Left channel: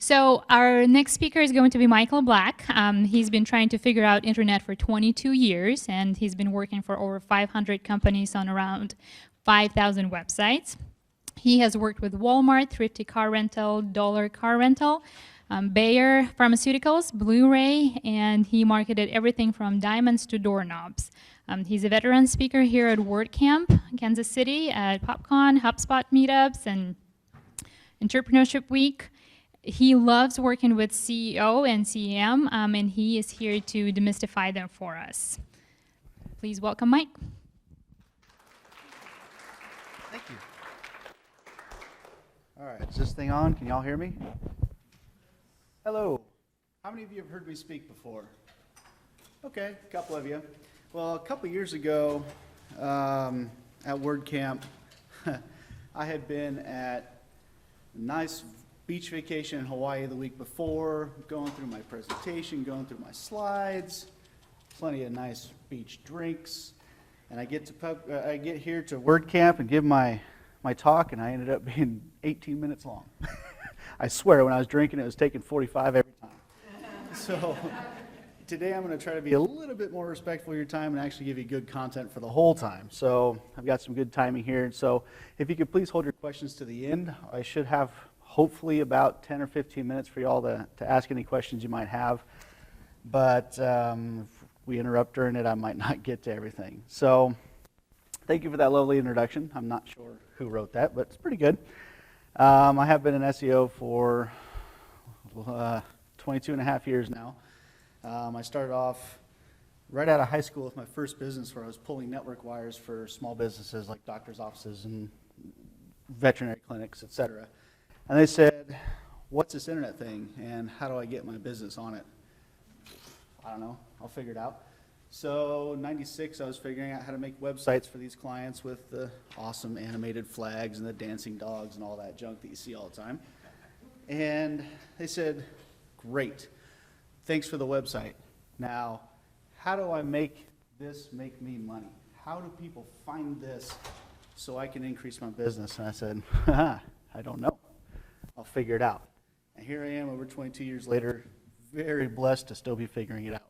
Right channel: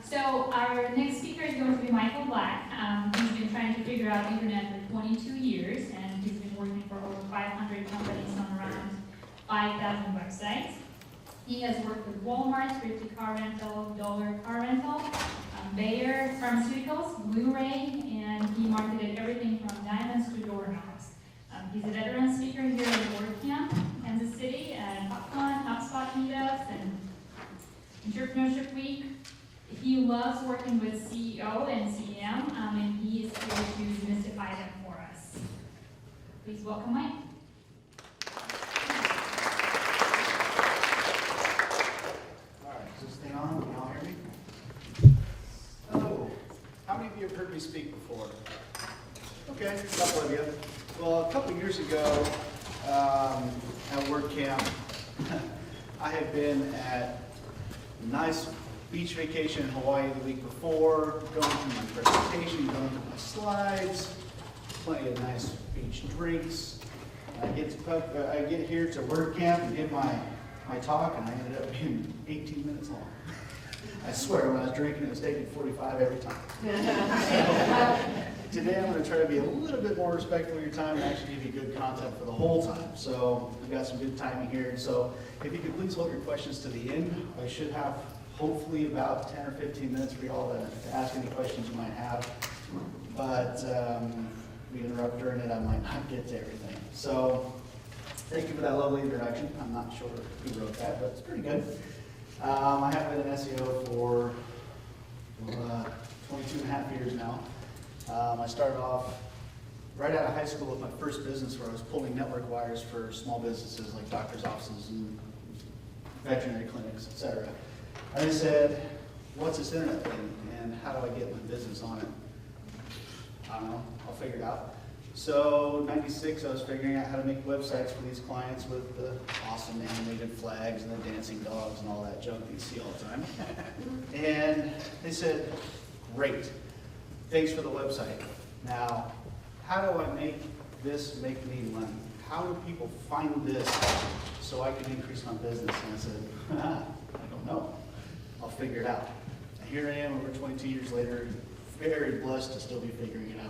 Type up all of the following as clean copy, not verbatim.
So our next speaker is going to be Michael Black. He's been trying to figure out internet for 22 years, and he's been working for over 500 companies on around 5,000 websites. He has worked with Walmart, Thrifty Car Rental, Dollar Car Rental, Bayer Pharmaceuticals, Blu-ray, and he marketed everything from diamonds to doorknobs. He's a veteran speaker here at WordCamp, Kansas City, at PopCon, HubSpot meetups, and Entrepreneurship Week. He loves working with CEO and CEM, and he is here to demystify them for us. Please welcome Mike. All right, is this thing on? Can y'all hear me? Hello. How many of you have heard me speak before? Okay, God love you. Well, a couple years ago at WordCamp, I had been at nice beach vacation in Hawaii the week before, going through my presentation, going through my slides, plenty of nice beach drinks, and I get here to WordCamp and give my talk, and I ended up being 18 minutes long. I swear, when I was drinking, it was taking 45 every time. So, today I'm going to try to be a little bit more respectful of your time and actually give you good content for the whole time. So I've got some good timing here. So if you could please hold your questions to the end. I should have hopefully about 10 or 15 minutes for y'all to ask any questions you might have. But we interrupt during it, I might not get to everything. So thank you for that lovely introduction. I'm not sure who wrote that, but it's pretty good. I have been an SEO for 22 and a half years now. I started off right out of high school with my first business where I was pulling network wires for small businesses like doctor's offices and veterinary clinics, etc. And they said, what's this internet thing and how do I get my business on it? I don't know, I'll figure it out. So, 96, I was figuring out how to make websites for these clients with the awesome animated flags and the dancing dogs and all that junk that you see all the time. And they said, great, thanks for the website. Now, how do I make this make me money? How do people find this so I can increase my business? And I said, I don't know. I'll figure it out. And here I am over 22 years later, very blessed to still be figuring it out.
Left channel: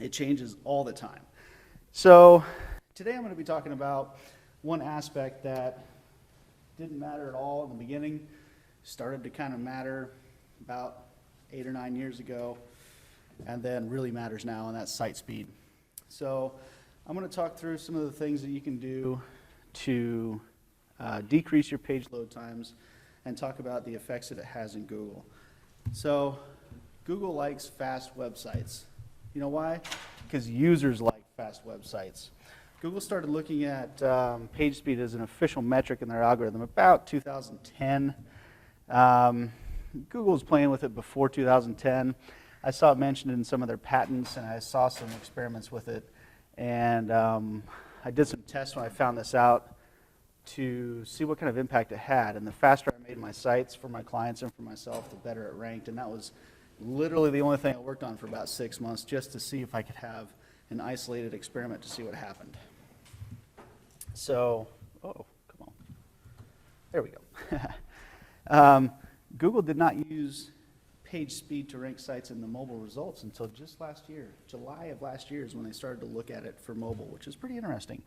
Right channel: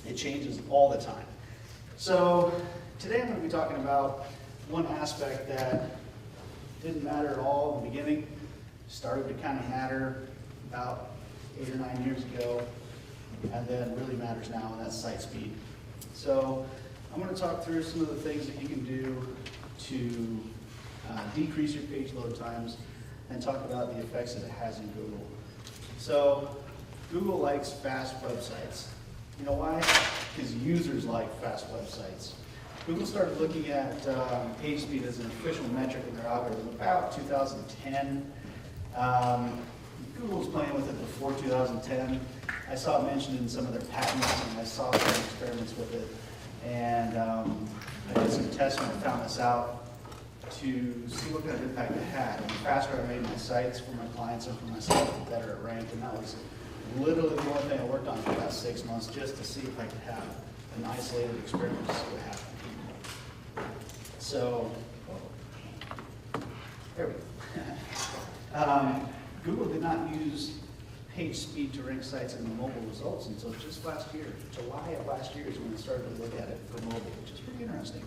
It changes all the time. So today I'm going to be talking about one aspect that didn't matter at all in the beginning, started to kind of matter about 8 or 9 years ago, and then really matters now, and that's site speed. So I'm going to talk through some of the things that you can do to decrease your page load times and talk about the effects that it has in Google. So Google likes fast websites. You know why? Because users like fast websites. Google started looking at page speed as an official metric in their algorithm about 2010. Google was playing with it before 2010. I saw it mentioned in some of their patents, and I saw some experiments with it. And I did some tests and I found this out to see what kind of impact it had. And the faster I made my sites for my clients and for myself, the better it ranked. And that was literally the only thing I worked on for about 6 months, just to see if I could have an isolated experiment to see what happened. So, there we go. Google did not use page speed to rank sites in the mobile results until just last year. July of last year is when they started to look at it for mobile, which is pretty interesting.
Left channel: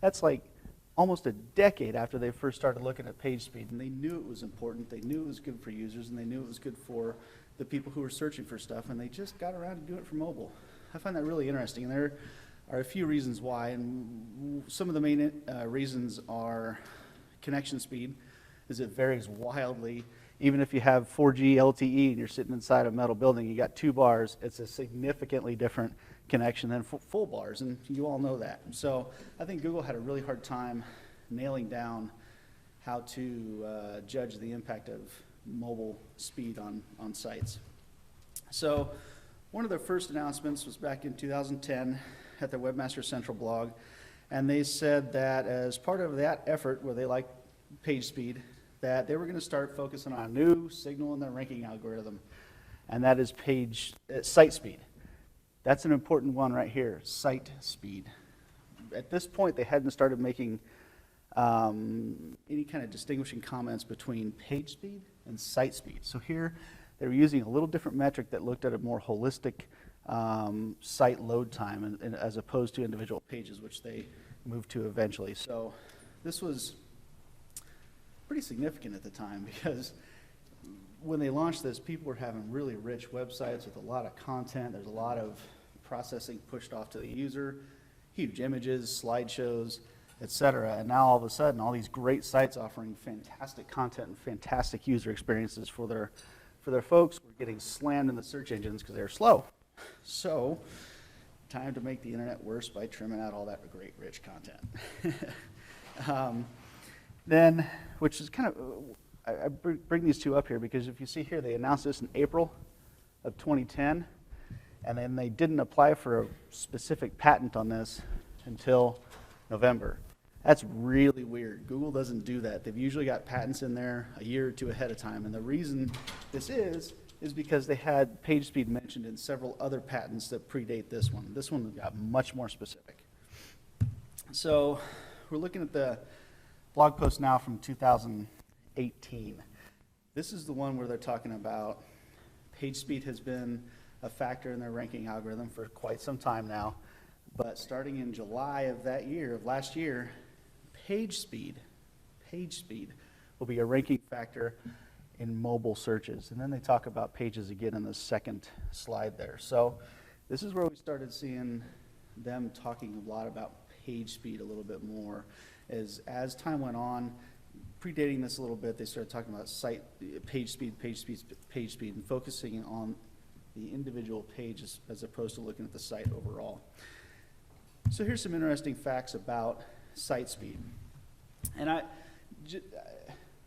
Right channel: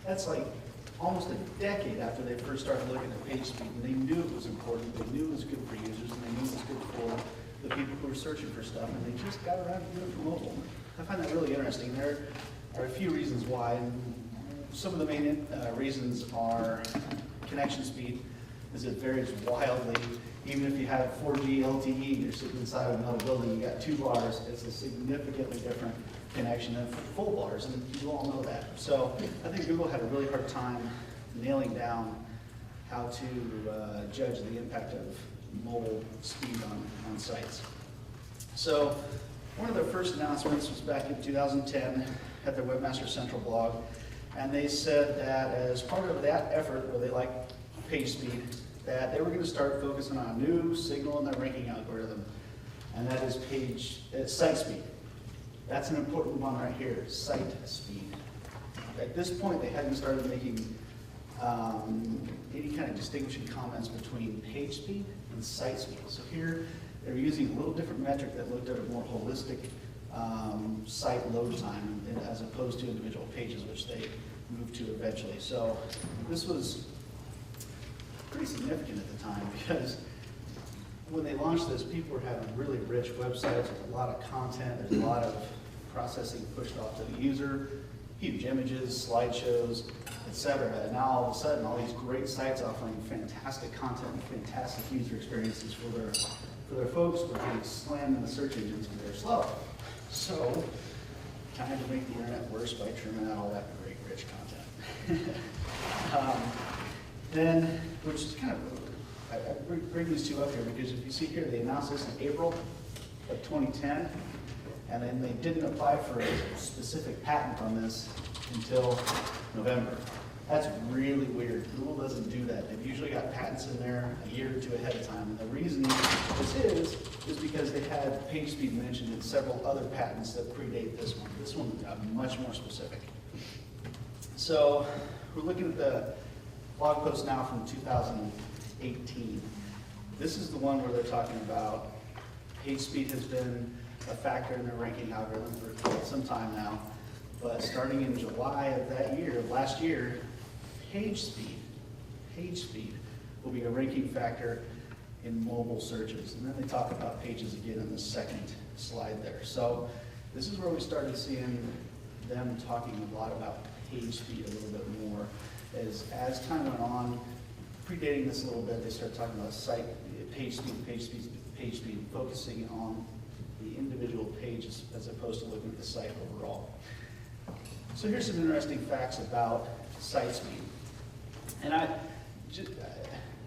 That's like almost a decade after they first started looking at page speed, and they knew it was important, they knew it was good for users, and they knew it was good for the people who were searching for stuff, and they just got around to doing it for mobile. I find that really interesting. There are a few reasons why, and some of the main reasons are connection speed, is it varies wildly. Even if you have 4G LTE, you're sitting inside a metal building, you got 2 bars, it's a significantly different connection than full bars, and you all know that. So I think Google had a really hard time nailing down how to judge the impact of mobile speed on sites. So one of their first announcements was back in 2010 at their Webmaster Central blog, and they said that as part of that effort, where they like page speed, that they were going to start focusing on a new signal in the ranking algorithm, and that is site speed. That's an important one right here, site speed. At this point, they hadn't started making any kind of distinguishing comments between page speed and site speed. So here, they were using a little different metric that looked at a more holistic site load time as opposed to individual pages, which they moved to eventually. So this was pretty significant at the time because when they launched this, people were having really rich websites with a lot of content, there's a lot of processing pushed off to the user, huge images, slideshows, etc. And now all of a sudden, all these great sites offering fantastic content and fantastic user experiences for their folks are getting slammed in the search engines because they're slow. So, time to make the internet worse by trimming out all that great rich content. Then, which is kind of, I bring these two up here because if you see here, they announced this in April of 2010, and then they didn't apply for a specific patent on this until November. That's really weird. Google doesn't do that. They've usually got patents in there a year or two ahead of time. And the reason this is because they had page speed mentioned in several other patents that predate this one. This one got much more specific. So we're looking at the blog post now from 2018. This is the one where they're talking about page speed has been a factor in their ranking algorithm for quite some time now. But starting in July of that year, last year, page speed will be a ranking factor in mobile searches. And then they talk about pages again in the second slide there. So this is where we started seeing them talking a lot about page speed a little bit more. As time went on, predating this a little bit, they started talking about site page speed, and focusing on the individual pages as opposed to looking at the site overall. So here's some interesting facts about site speed. And I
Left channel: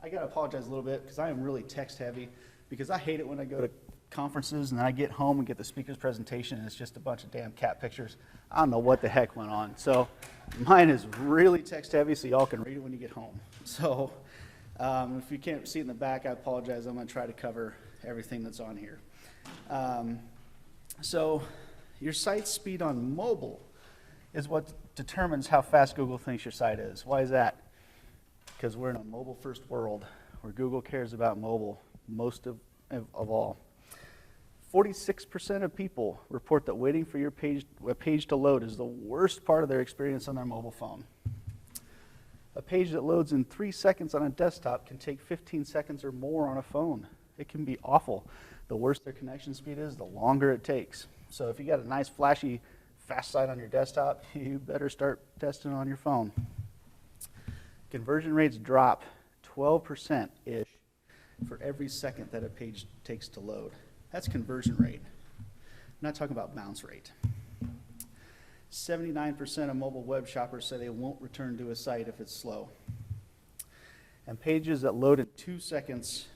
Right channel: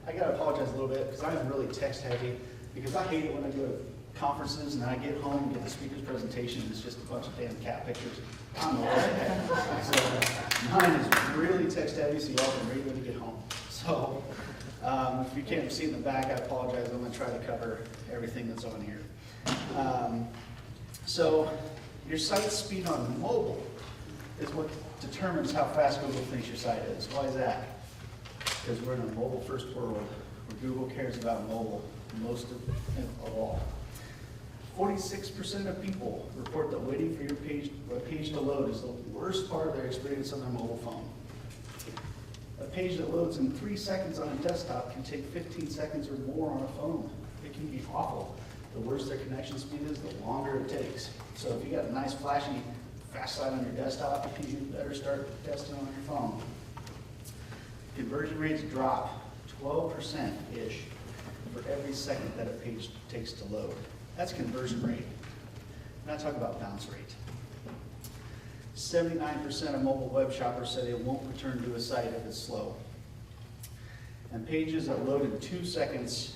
gotta apologize a little bit because I'm really text heavy because I hate it when I go to conferences and I get home and get the speaker's presentation and it's just a bunch of damn cat pictures. I don't know what the heck went on. So mine is really text heavy so y'all can read when you get home. So if you can't see in the back, I apologize. I'm gonna try to cover everything that's on here. So your site speed on mobile is what determines how fast Google thinks your site is. Why is that? Because we're in a mobile-first world where Google cares about mobile most of all. 46% of people report that waiting for your page to load is the worst part of their experience on their mobile phone. A page that loads in 3 seconds on a desktop can take 15 seconds or more on a phone. It can be awful. The worse their connection speed is, the longer it takes. So if you got a nice, flashy, fast site on your desktop, you better start testing on your phone. Conversion rates drop 12%-ish for every second that a page takes to load. That's conversion rate. I'm not talking about bounce rate. 79% of mobile web shoppers say they won't return to a site if it's slow. And pages that load in 2 seconds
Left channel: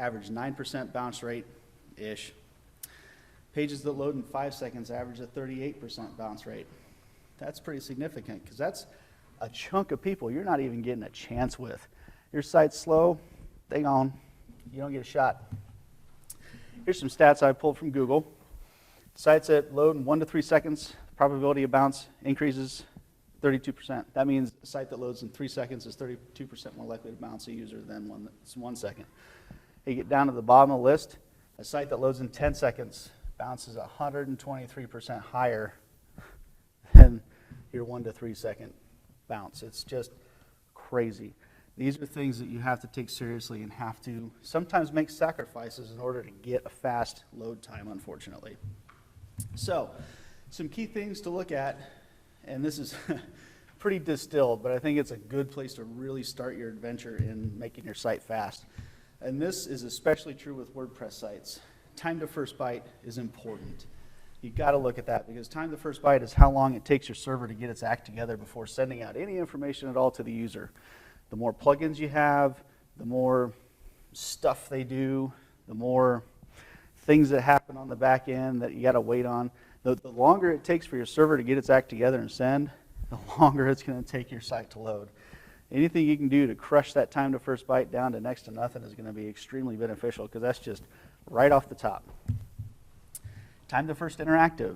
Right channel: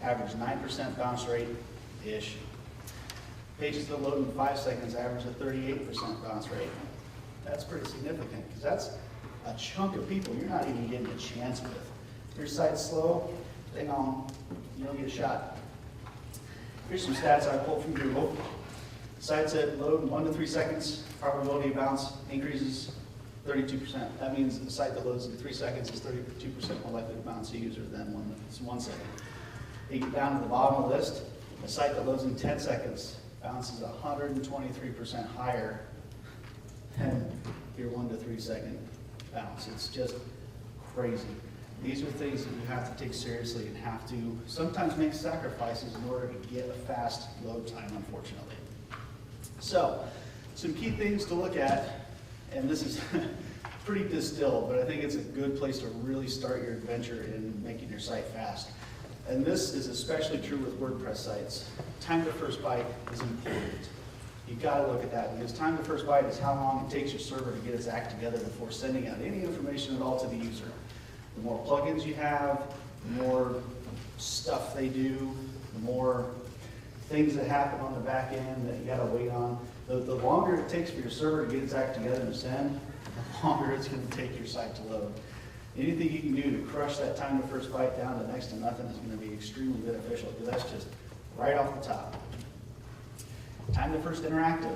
average 9% bounce rate-ish. Pages that load in 5 seconds average a 38% bounce rate. That's pretty significant because that's a chunk of people you're not even getting a chance with. Your site's slow, they gone. You don't get a shot. Here's some stats I pulled from Google. Sites that load in 1 to 3 seconds, probability of bounce increases 32%. That means the site that loads in 3 seconds is 32% more likely to bounce a user than one that's 1 second. You get down to the bottom of the list, a site that loads in 10 seconds bounces 123% higher than your 1 to 3 second bounce. It's just crazy. These are things that you have to take seriously and have to sometimes make sacrifices in order to get a fast load time, unfortunately. So, some key things to look at, and this is pretty distilled, but I think it's a good place to really start your adventure in making your site fast. And this is especially true with WordPress sites. Time to first byte is important. You've got to look at that because time to first byte is how long it takes your server to get its act together before sending out any information at all to the user. The more plugins you have, the more stuff they do, the more things that happen on the back end that you got to wait on. The longer it takes for your server to get its act together and send, the longer it's going to take your site to load. Anything you can do to crush that time to first byte down to next to nothing is going to be extremely beneficial because that's just right off the top. Time to first interactive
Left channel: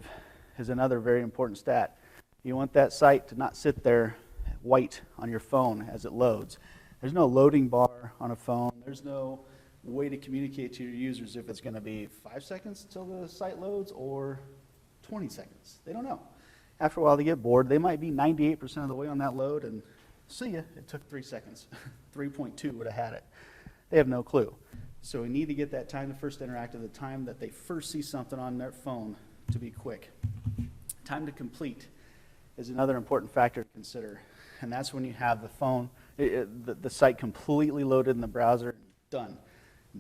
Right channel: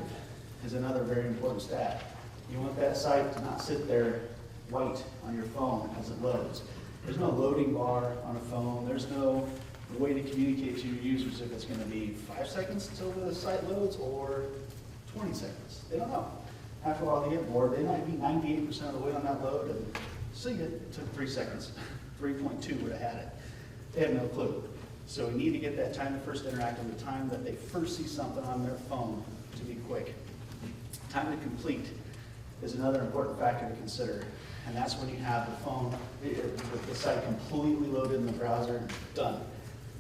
is another very important stat. You want that site to not sit there white on your phone as it loads. There's no loading bar on a phone. There's no way to communicate to your users if it's going to be 5 seconds till the site loads or 20 seconds. They don't know. After a while, they get bored. They might be 98% of the way on that load, and see it took 3 seconds. 3.2 would have had it. They have no clue. So we need to get that time to first interact with the time that they first see something on their phone to be quick. Time to complete is another important factor to consider. And that's when you have the phone, the site completely loaded in the browser, done.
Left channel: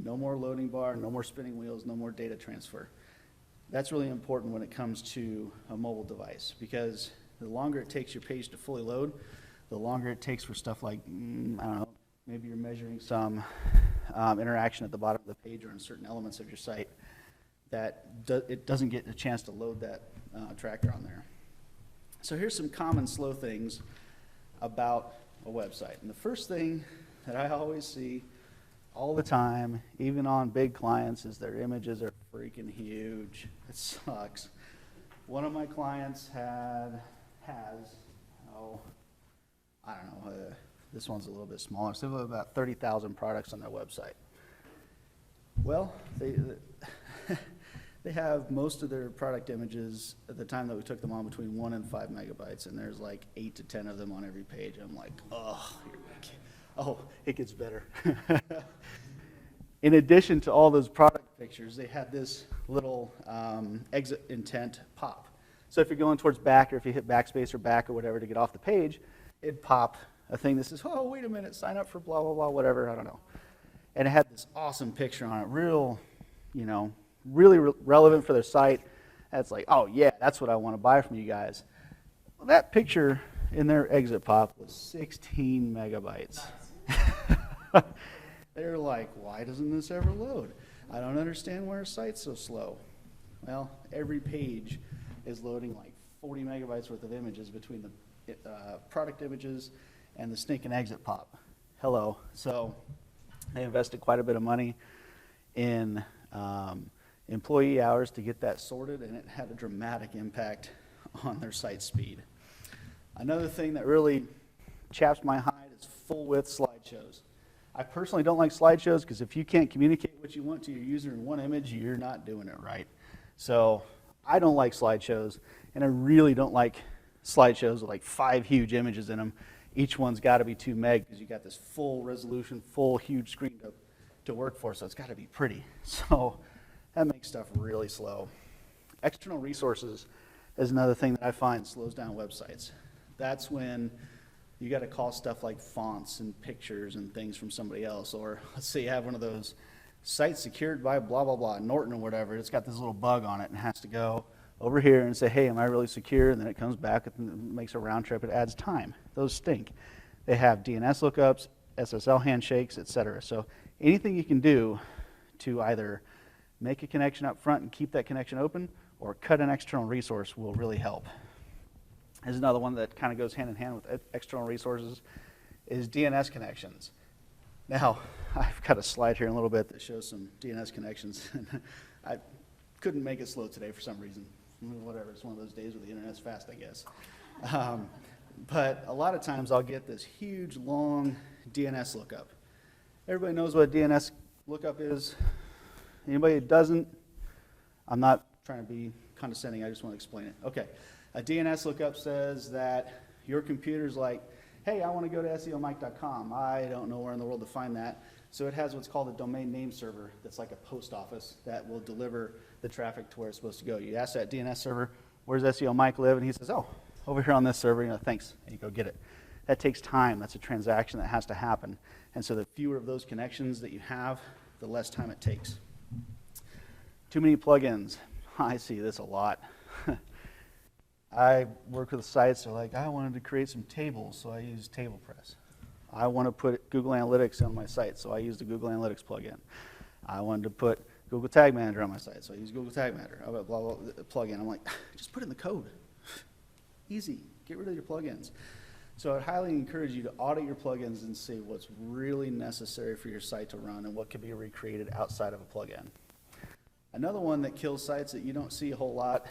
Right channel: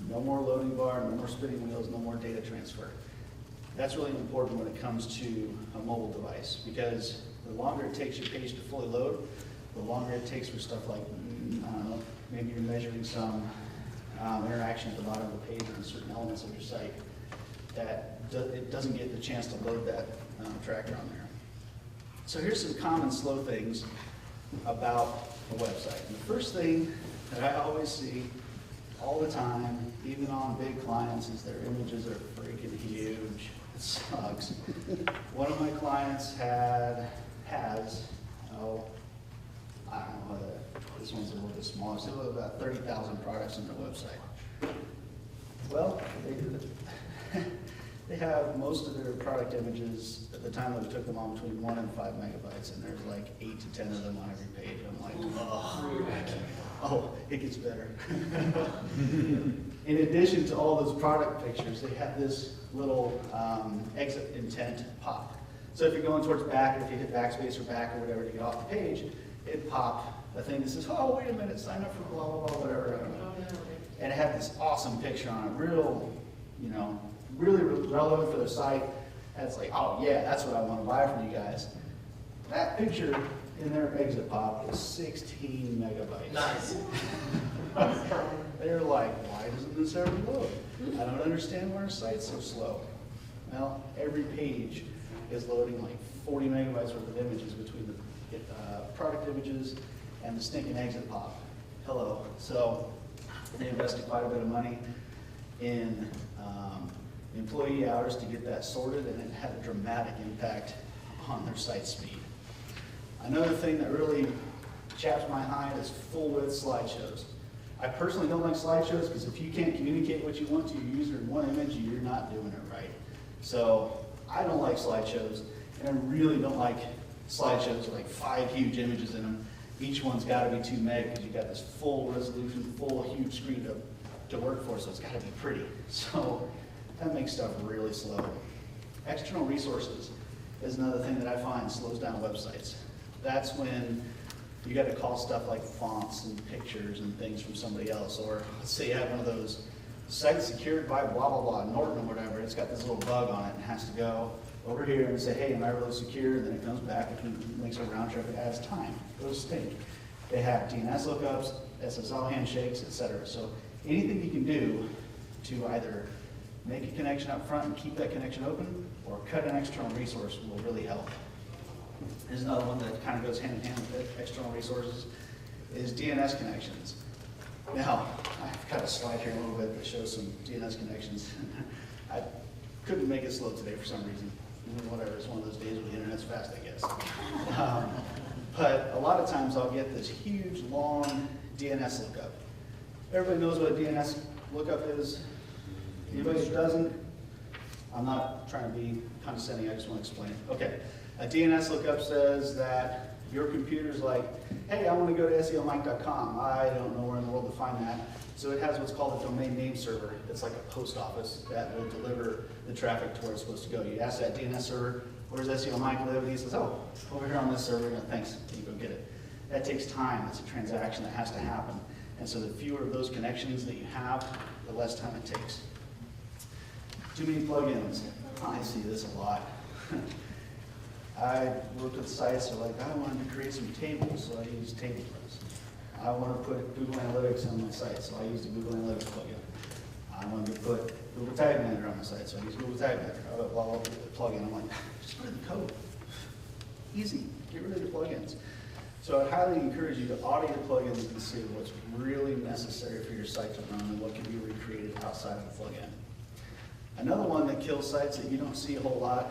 No more loading bar, no more spinning wheels, no more data transfer. That's really important when it comes to a mobile device, because the longer it takes your page to fully load, the longer it takes for stuff like, I don't know, maybe you're measuring some interaction at the bottom of the page on certain elements of your site, that it doesn't get the chance to load that tracker on there. So here's some common slow things about a website. And the first thing that I always see all the time, even on big clients, is their images are freaking huge. It sucks. One of my clients has, I don't know whether this one's a little bit smaller, it's about 30,000 products on their website. Well, they have most of their product images at the time that we took them on between 1 and 5 megabytes, and there's like 8 to 10 of them on every page. I'm like, oh, it gets better. In addition to all those product pictures, they have this little exit intent pop. So if you're going towards back, if you hit backspace or back or whatever to get off the page, it popped a thing that says, oh, wait a minute, sign up for blah, blah, blah, whatever, I don't know. And it had this awesome picture on it, really relevant for their site. And it's like, oh yeah, that's what I want to buy from you guys. Well, that picture in their exit pop is 16 megabytes. Nice. They're like, why doesn't this ever load? I don't understand why our site's so slow. Well, every page is loading like 40 megabytes worth of images between the product images and the stinking exit pop. Hello. So they invested quite a bit of money in employee hours to get that sorted, and it had a dramatic impact on their site speed. Another thing that really chaps my hide is full-width slideshows. I personally don't like slideshows because if you can't communicate what you want to your user in one image, you're not doing it right. So I don't like slideshows, and I really don't like slideshows with like 5 huge images in them. Each one's got to be 2 meg because you got this full resolution, full huge screen to work for, so it's got to be pretty. So that makes stuff really slow. External resources is another thing that I find slows down websites. That's when you got to call stuff like fonts and pictures and things from somebody else. Or let's say you have one of those sites secured by blah, blah, blah, Norton or whatever. It's got this little bug on it and has to go over here and say, hey, am I really secure? And then it comes back and makes a round trip. It adds time. Those stink. They have DNS lookups, SSL handshakes, etc. So anything you can do to either make a connection up front and keep that connection open, or cut an external resource will really help. There's another one that kind of goes hand in hand with external resources, is DNS connections. Now, I've got a slide here in a little bit that shows some DNS connections. I couldn't make it slow today for some reason. Whatever, it's one of those days where the internet's fast, I guess. But a lot of times I'll get this huge, long DNS lookup. Everybody knows what a DNS lookup is. Anybody that doesn't, I'm not trying to be condescending, I just want to explain it. Okay, a DNS lookup says that your computer's like, hey, I want to go to SEOmike.com. I don't know where in the world to find that. So it has what's called a domain name server. It's like a post office that will deliver the traffic to where it's supposed to go. You ask that DNS server, where's SEO Mike live? And he says, oh, over here on this server, thanks, and you go get it. That takes time. That's a transaction that has to happen. And so the fewer of those connections that you have, the less time it takes. Too many plugins. I see this a lot. I work with sites like, I wanted to create some tables, so I use TablePress. I want to put Google Analytics on my site, so I use the Google Analytics plugin. I wanted to put Google Tag Manager on my site, so I use Google Tag Manager. The plugin. I'm like, just put it in code. Easy. Get rid of the plugins. So I highly encourage you to audit your plugins and see what's really necessary for your site to run and what can be recreated outside of the plugin. Another one that kills sites that you don't see a whole lot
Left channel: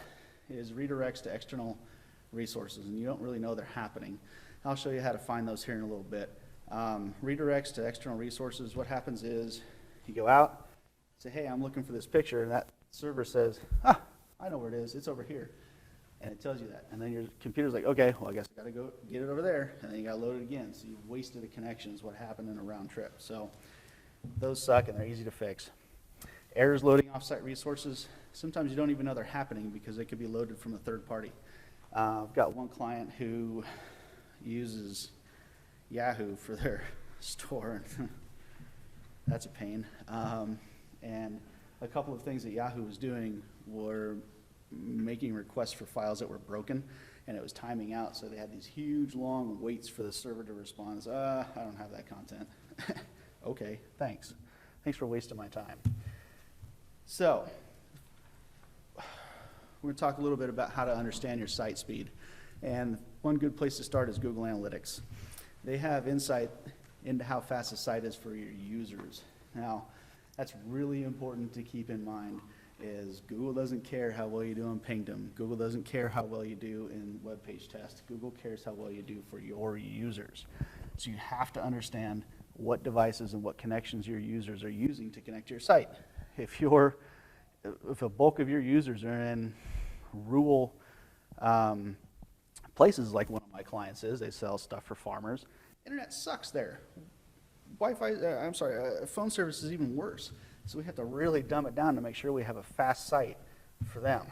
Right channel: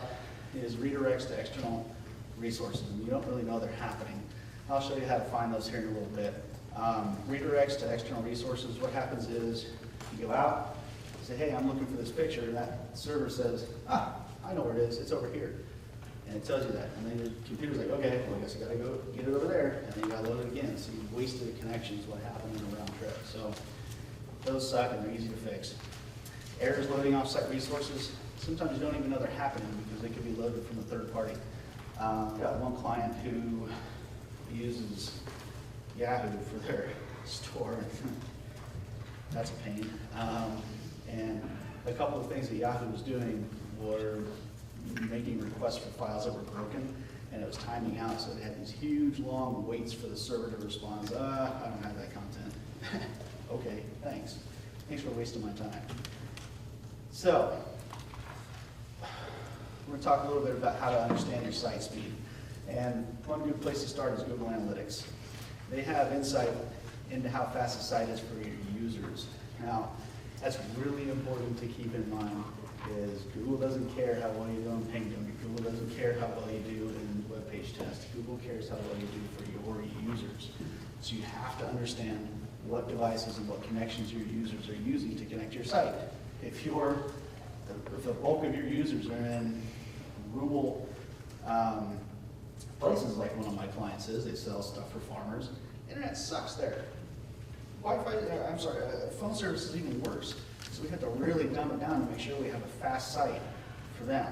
is redirects to external resources, and you don't really know they're happening. I'll show you how to find those here in a little bit. Redirects to external resources. What happens is you go out, say, hey, I'm looking for this picture, and that server says, I know where it is, it's over here. And it tells you that. And then your computer's like, okay, well, I guess I gotta go get it over there, and then you gotta load it again. So you wasted the connections, what happened in the round trip. So those suck and they're easy to fix. Errors loading offsite resources. Sometimes you don't even know they're happening because they could be loaded from the third party. I've got one client who uses Yahoo for their store. That's a pain. And a couple of things that Yahoo was doing were making requests for files that were broken, and it was timing out, so they had these huge long waits for the server to respond. I don't have that content. Okay, thanks. Thanks for wasting my time. So, we're going to talk a little bit about how to understand your site speed. And one good place to start is Google Analytics. They have insight into how fast the site is for your users. Now, that's really important to keep in mind, is Google doesn't care how well you do on Pingdom. Google doesn't care how well you do in web page tests. Google cares how well you do for your users. So you have to understand what devices and what connections your users are using to connect to your site. If the bulk of your users are in rural places like one of my clients is, they sell stuff for farmers, internet sucks there. Phone service is even worse. So we have to really dumb it down to make sure we have a fast site for them.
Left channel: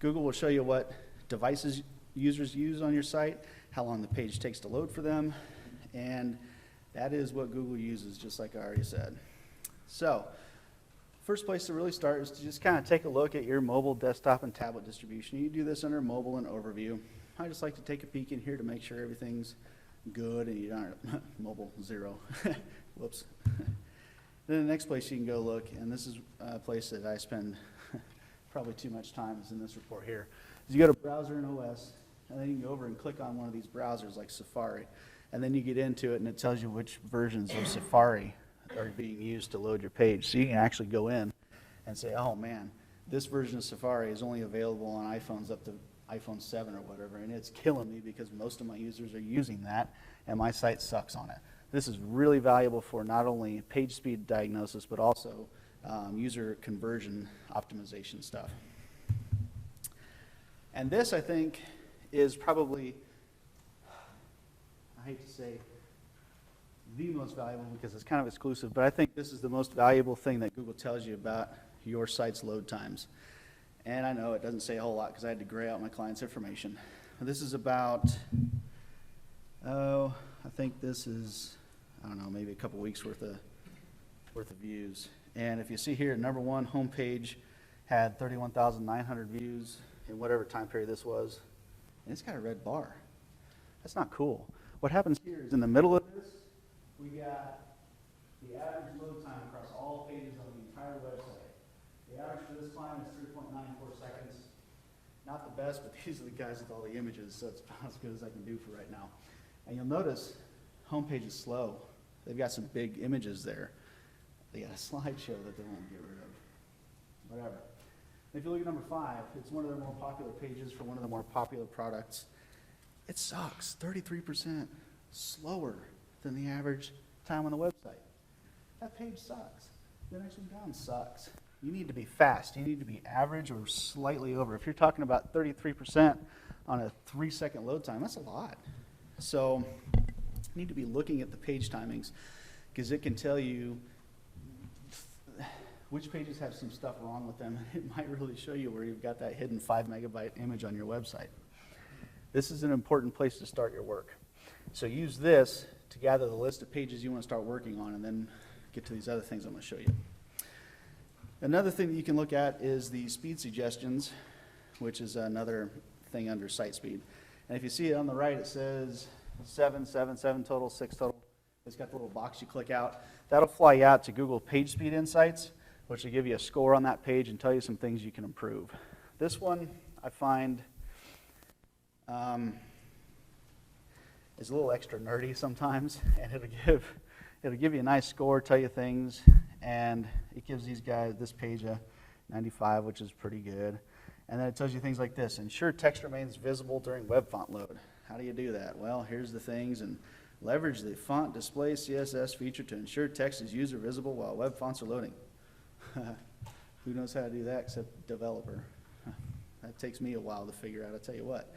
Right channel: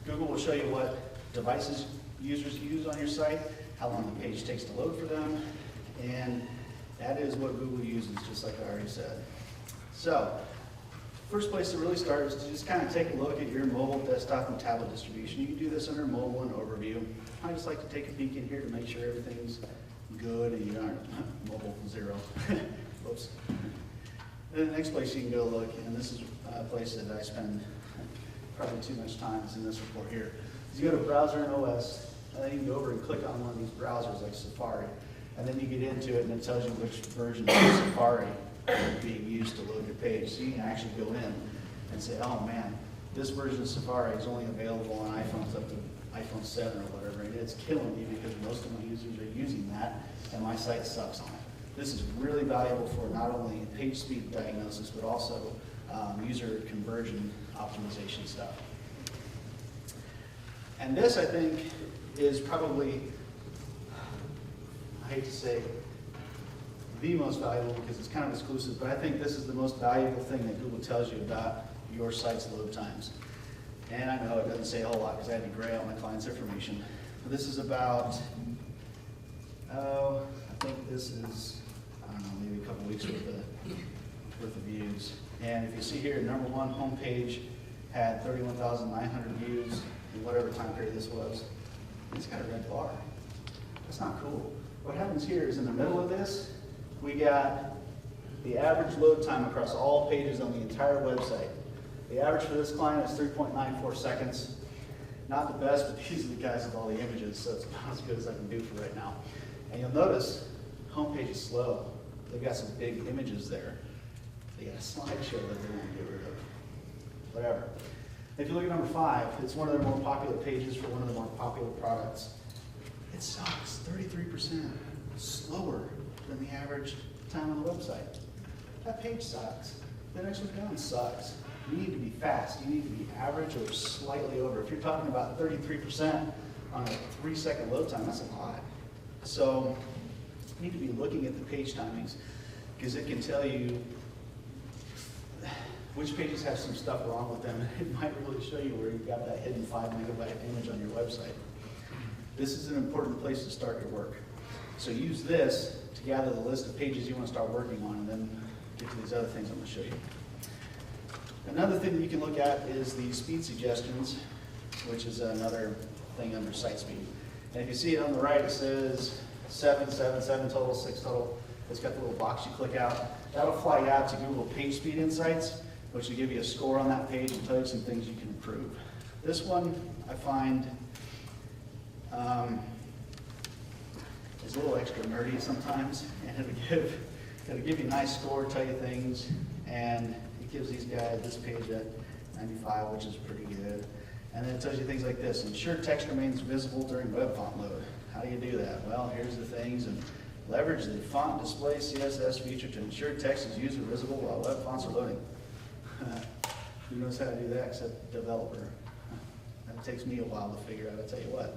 Google will show you what devices users use on your site, how long the page takes to load for them, and that is what Google uses, just like I already said. So, first place to really start is to just kind of take a look at your mobile, desktop, and tablet distribution. You can do this under mobile and overview. I just like to take a peek in here to make sure everything's good and you aren't mobile 0. Whoops. Then the next place you can go look, and this is a place that I spend probably too much time is in this report here. You go to Browser and OS, and then you go over and click on one of these browsers like Safari, and then you get into it and it tells you which versions of Safari are being used to load your page. So you can actually go in and say, oh man, this version of Safari is only available on iPhones up to iPhone 7 or whatever, and it's killing me because most of my users are using that, and my site sucks on it. This is really valuable for not only page speed diagnosis, but also user conversion optimization stuff. And this, I think, is probably, I hate to say, the most valuable because it's kind of exclusive, but I think this is the most valuable thing that Google tells you about your site's load times. And I know it doesn't say a whole lot because I had to gray out my client's information. But this is about, I think this is, I don't know, maybe a couple weeks worth of views. And if you see here, number one homepage had 31,900 views in whatever time period this was. And it's got a red bar. That's not cool. What happens here is in the middle of this, we got the average load time across all pages on the entire website. The average for this client is 3.94 seconds. Not the best, but these are the guys with all the images, so it's about as good as I can do for right now. And you'll notice, homepage is slow. They've got some big images there. They got a slideshow that they want to get rid of. Whatever. If you look at number 5, it's one of their more popular pages for one of the more popular products. It sucks, 33% slower than the average time on the website. That page sucks. The next one down sucks. You need to be fast. You need to be average or slightly over. If you're talking about 33% on a 3-second load time, that's a lot. So you need to be looking at the page timings because it can tell you which pages have some stuff wrong with them. It might really show you where you've got that hidden 5-megabyte image on your website. This is an important place to start your work. So use this to gather the list of pages you want to start working on, and then get to these other things I'm going to show you. Another thing that you can look at is the speed suggestions, which is another thing under site speed. And if you see it on the right, it says 7 total, 6 total. It's got a little box you click out. That'll fly you out to Google Page Speed Insights, which will give you a score on that page and tell you some things you can improve. This one, I find, is a little extra nerdy sometimes, and it'll give you a nice score, tell you things, and it gives these guys this page at 95, which is pretty good. And then it tells you things like this: ensure text remains visible during web font load. How do you do that? Well, here's the things, and Leverage the font display CSS feature to ensure text is user visible while web fonts are loading. Who knows how to do that except developer? That takes me a while to figure out, I'll tell you what.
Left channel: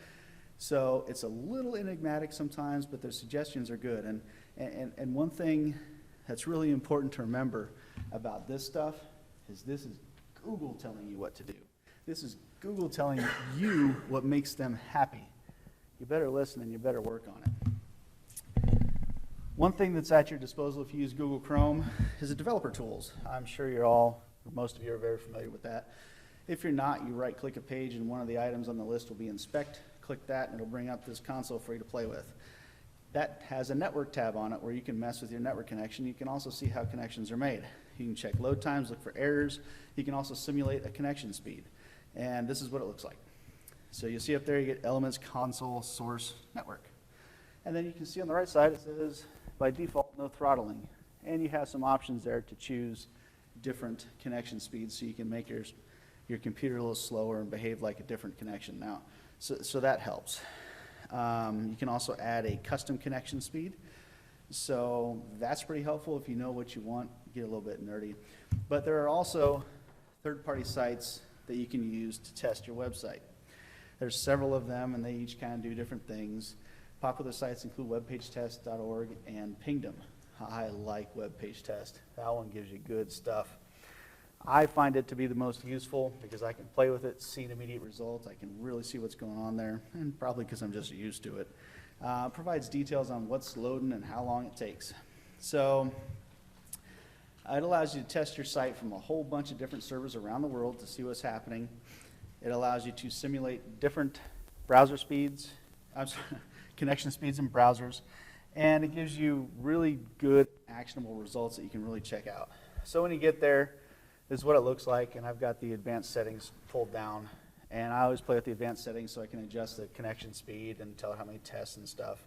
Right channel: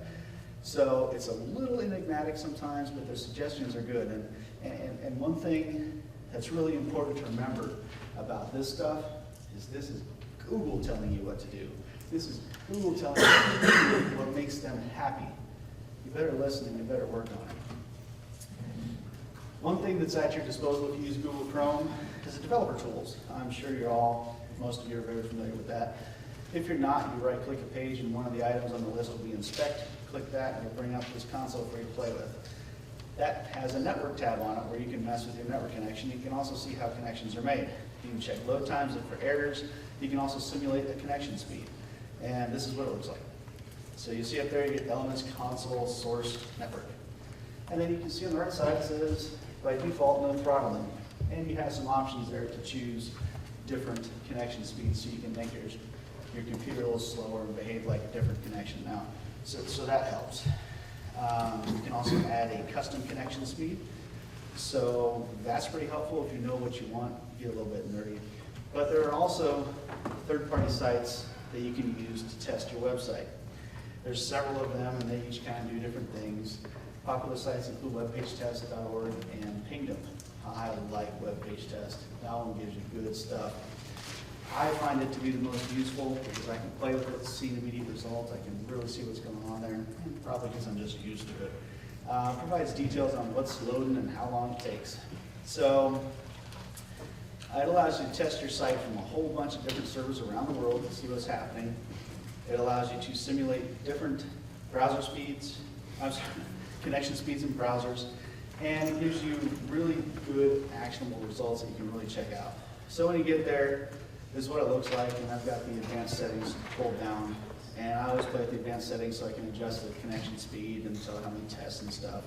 So it's a little enigmatic sometimes, but the suggestions are good. And one thing that's really important to remember about this stuff is this is Google telling you what to do. This is Google telling you what makes them happy. You better listen and you better work on it. One thing that's at your disposal if you use Google Chrome is the developer tools. I'm sure most of you are very familiar with that. If you're not, you right-click the page and one of the items on the list will be Inspect. Click that and it'll bring up this console for you to play with. That has a network tab on it where you can mess with your network connection. You can also see how connections are made. You can check load times, look for errors. You can also simulate the connection speed. And this is what it looks like. So you see up there, you get elements, console, source, network. And then you can see on the right side it says, by default, no throttle limit. And you have some options there to choose different connection speeds so you can make your computer a little slower and behave like a different connection now. So that helps. You can also add a custom connection speed. So that's pretty helpful if you know what you want, get a little bit nerdy. But there are also third-party sites that you can use to test your website. There's several of them and they each kind of do different things. Popular sites include webpagetest.org and Pingdom. I like webpagetest. That one gives you good stuff. I find it to be the most useful because I can play with it, see the immediate result. I can really see what's going on there, probably because I'm just used to it. Provides details on what's loading and how long it takes. So it allows you to test your site from a whole bunch of different servers around the world to see what's happening. It allows you to simulate different browser speeds, connection speeds in browsers, and it gives you really good actionable results that you can really check out. So when you get there, this is what it looks like, and I've got the advanced settings pulled down. And I always play with the advanced settings so I can adjust the connection speed and tell how many tests and stuff.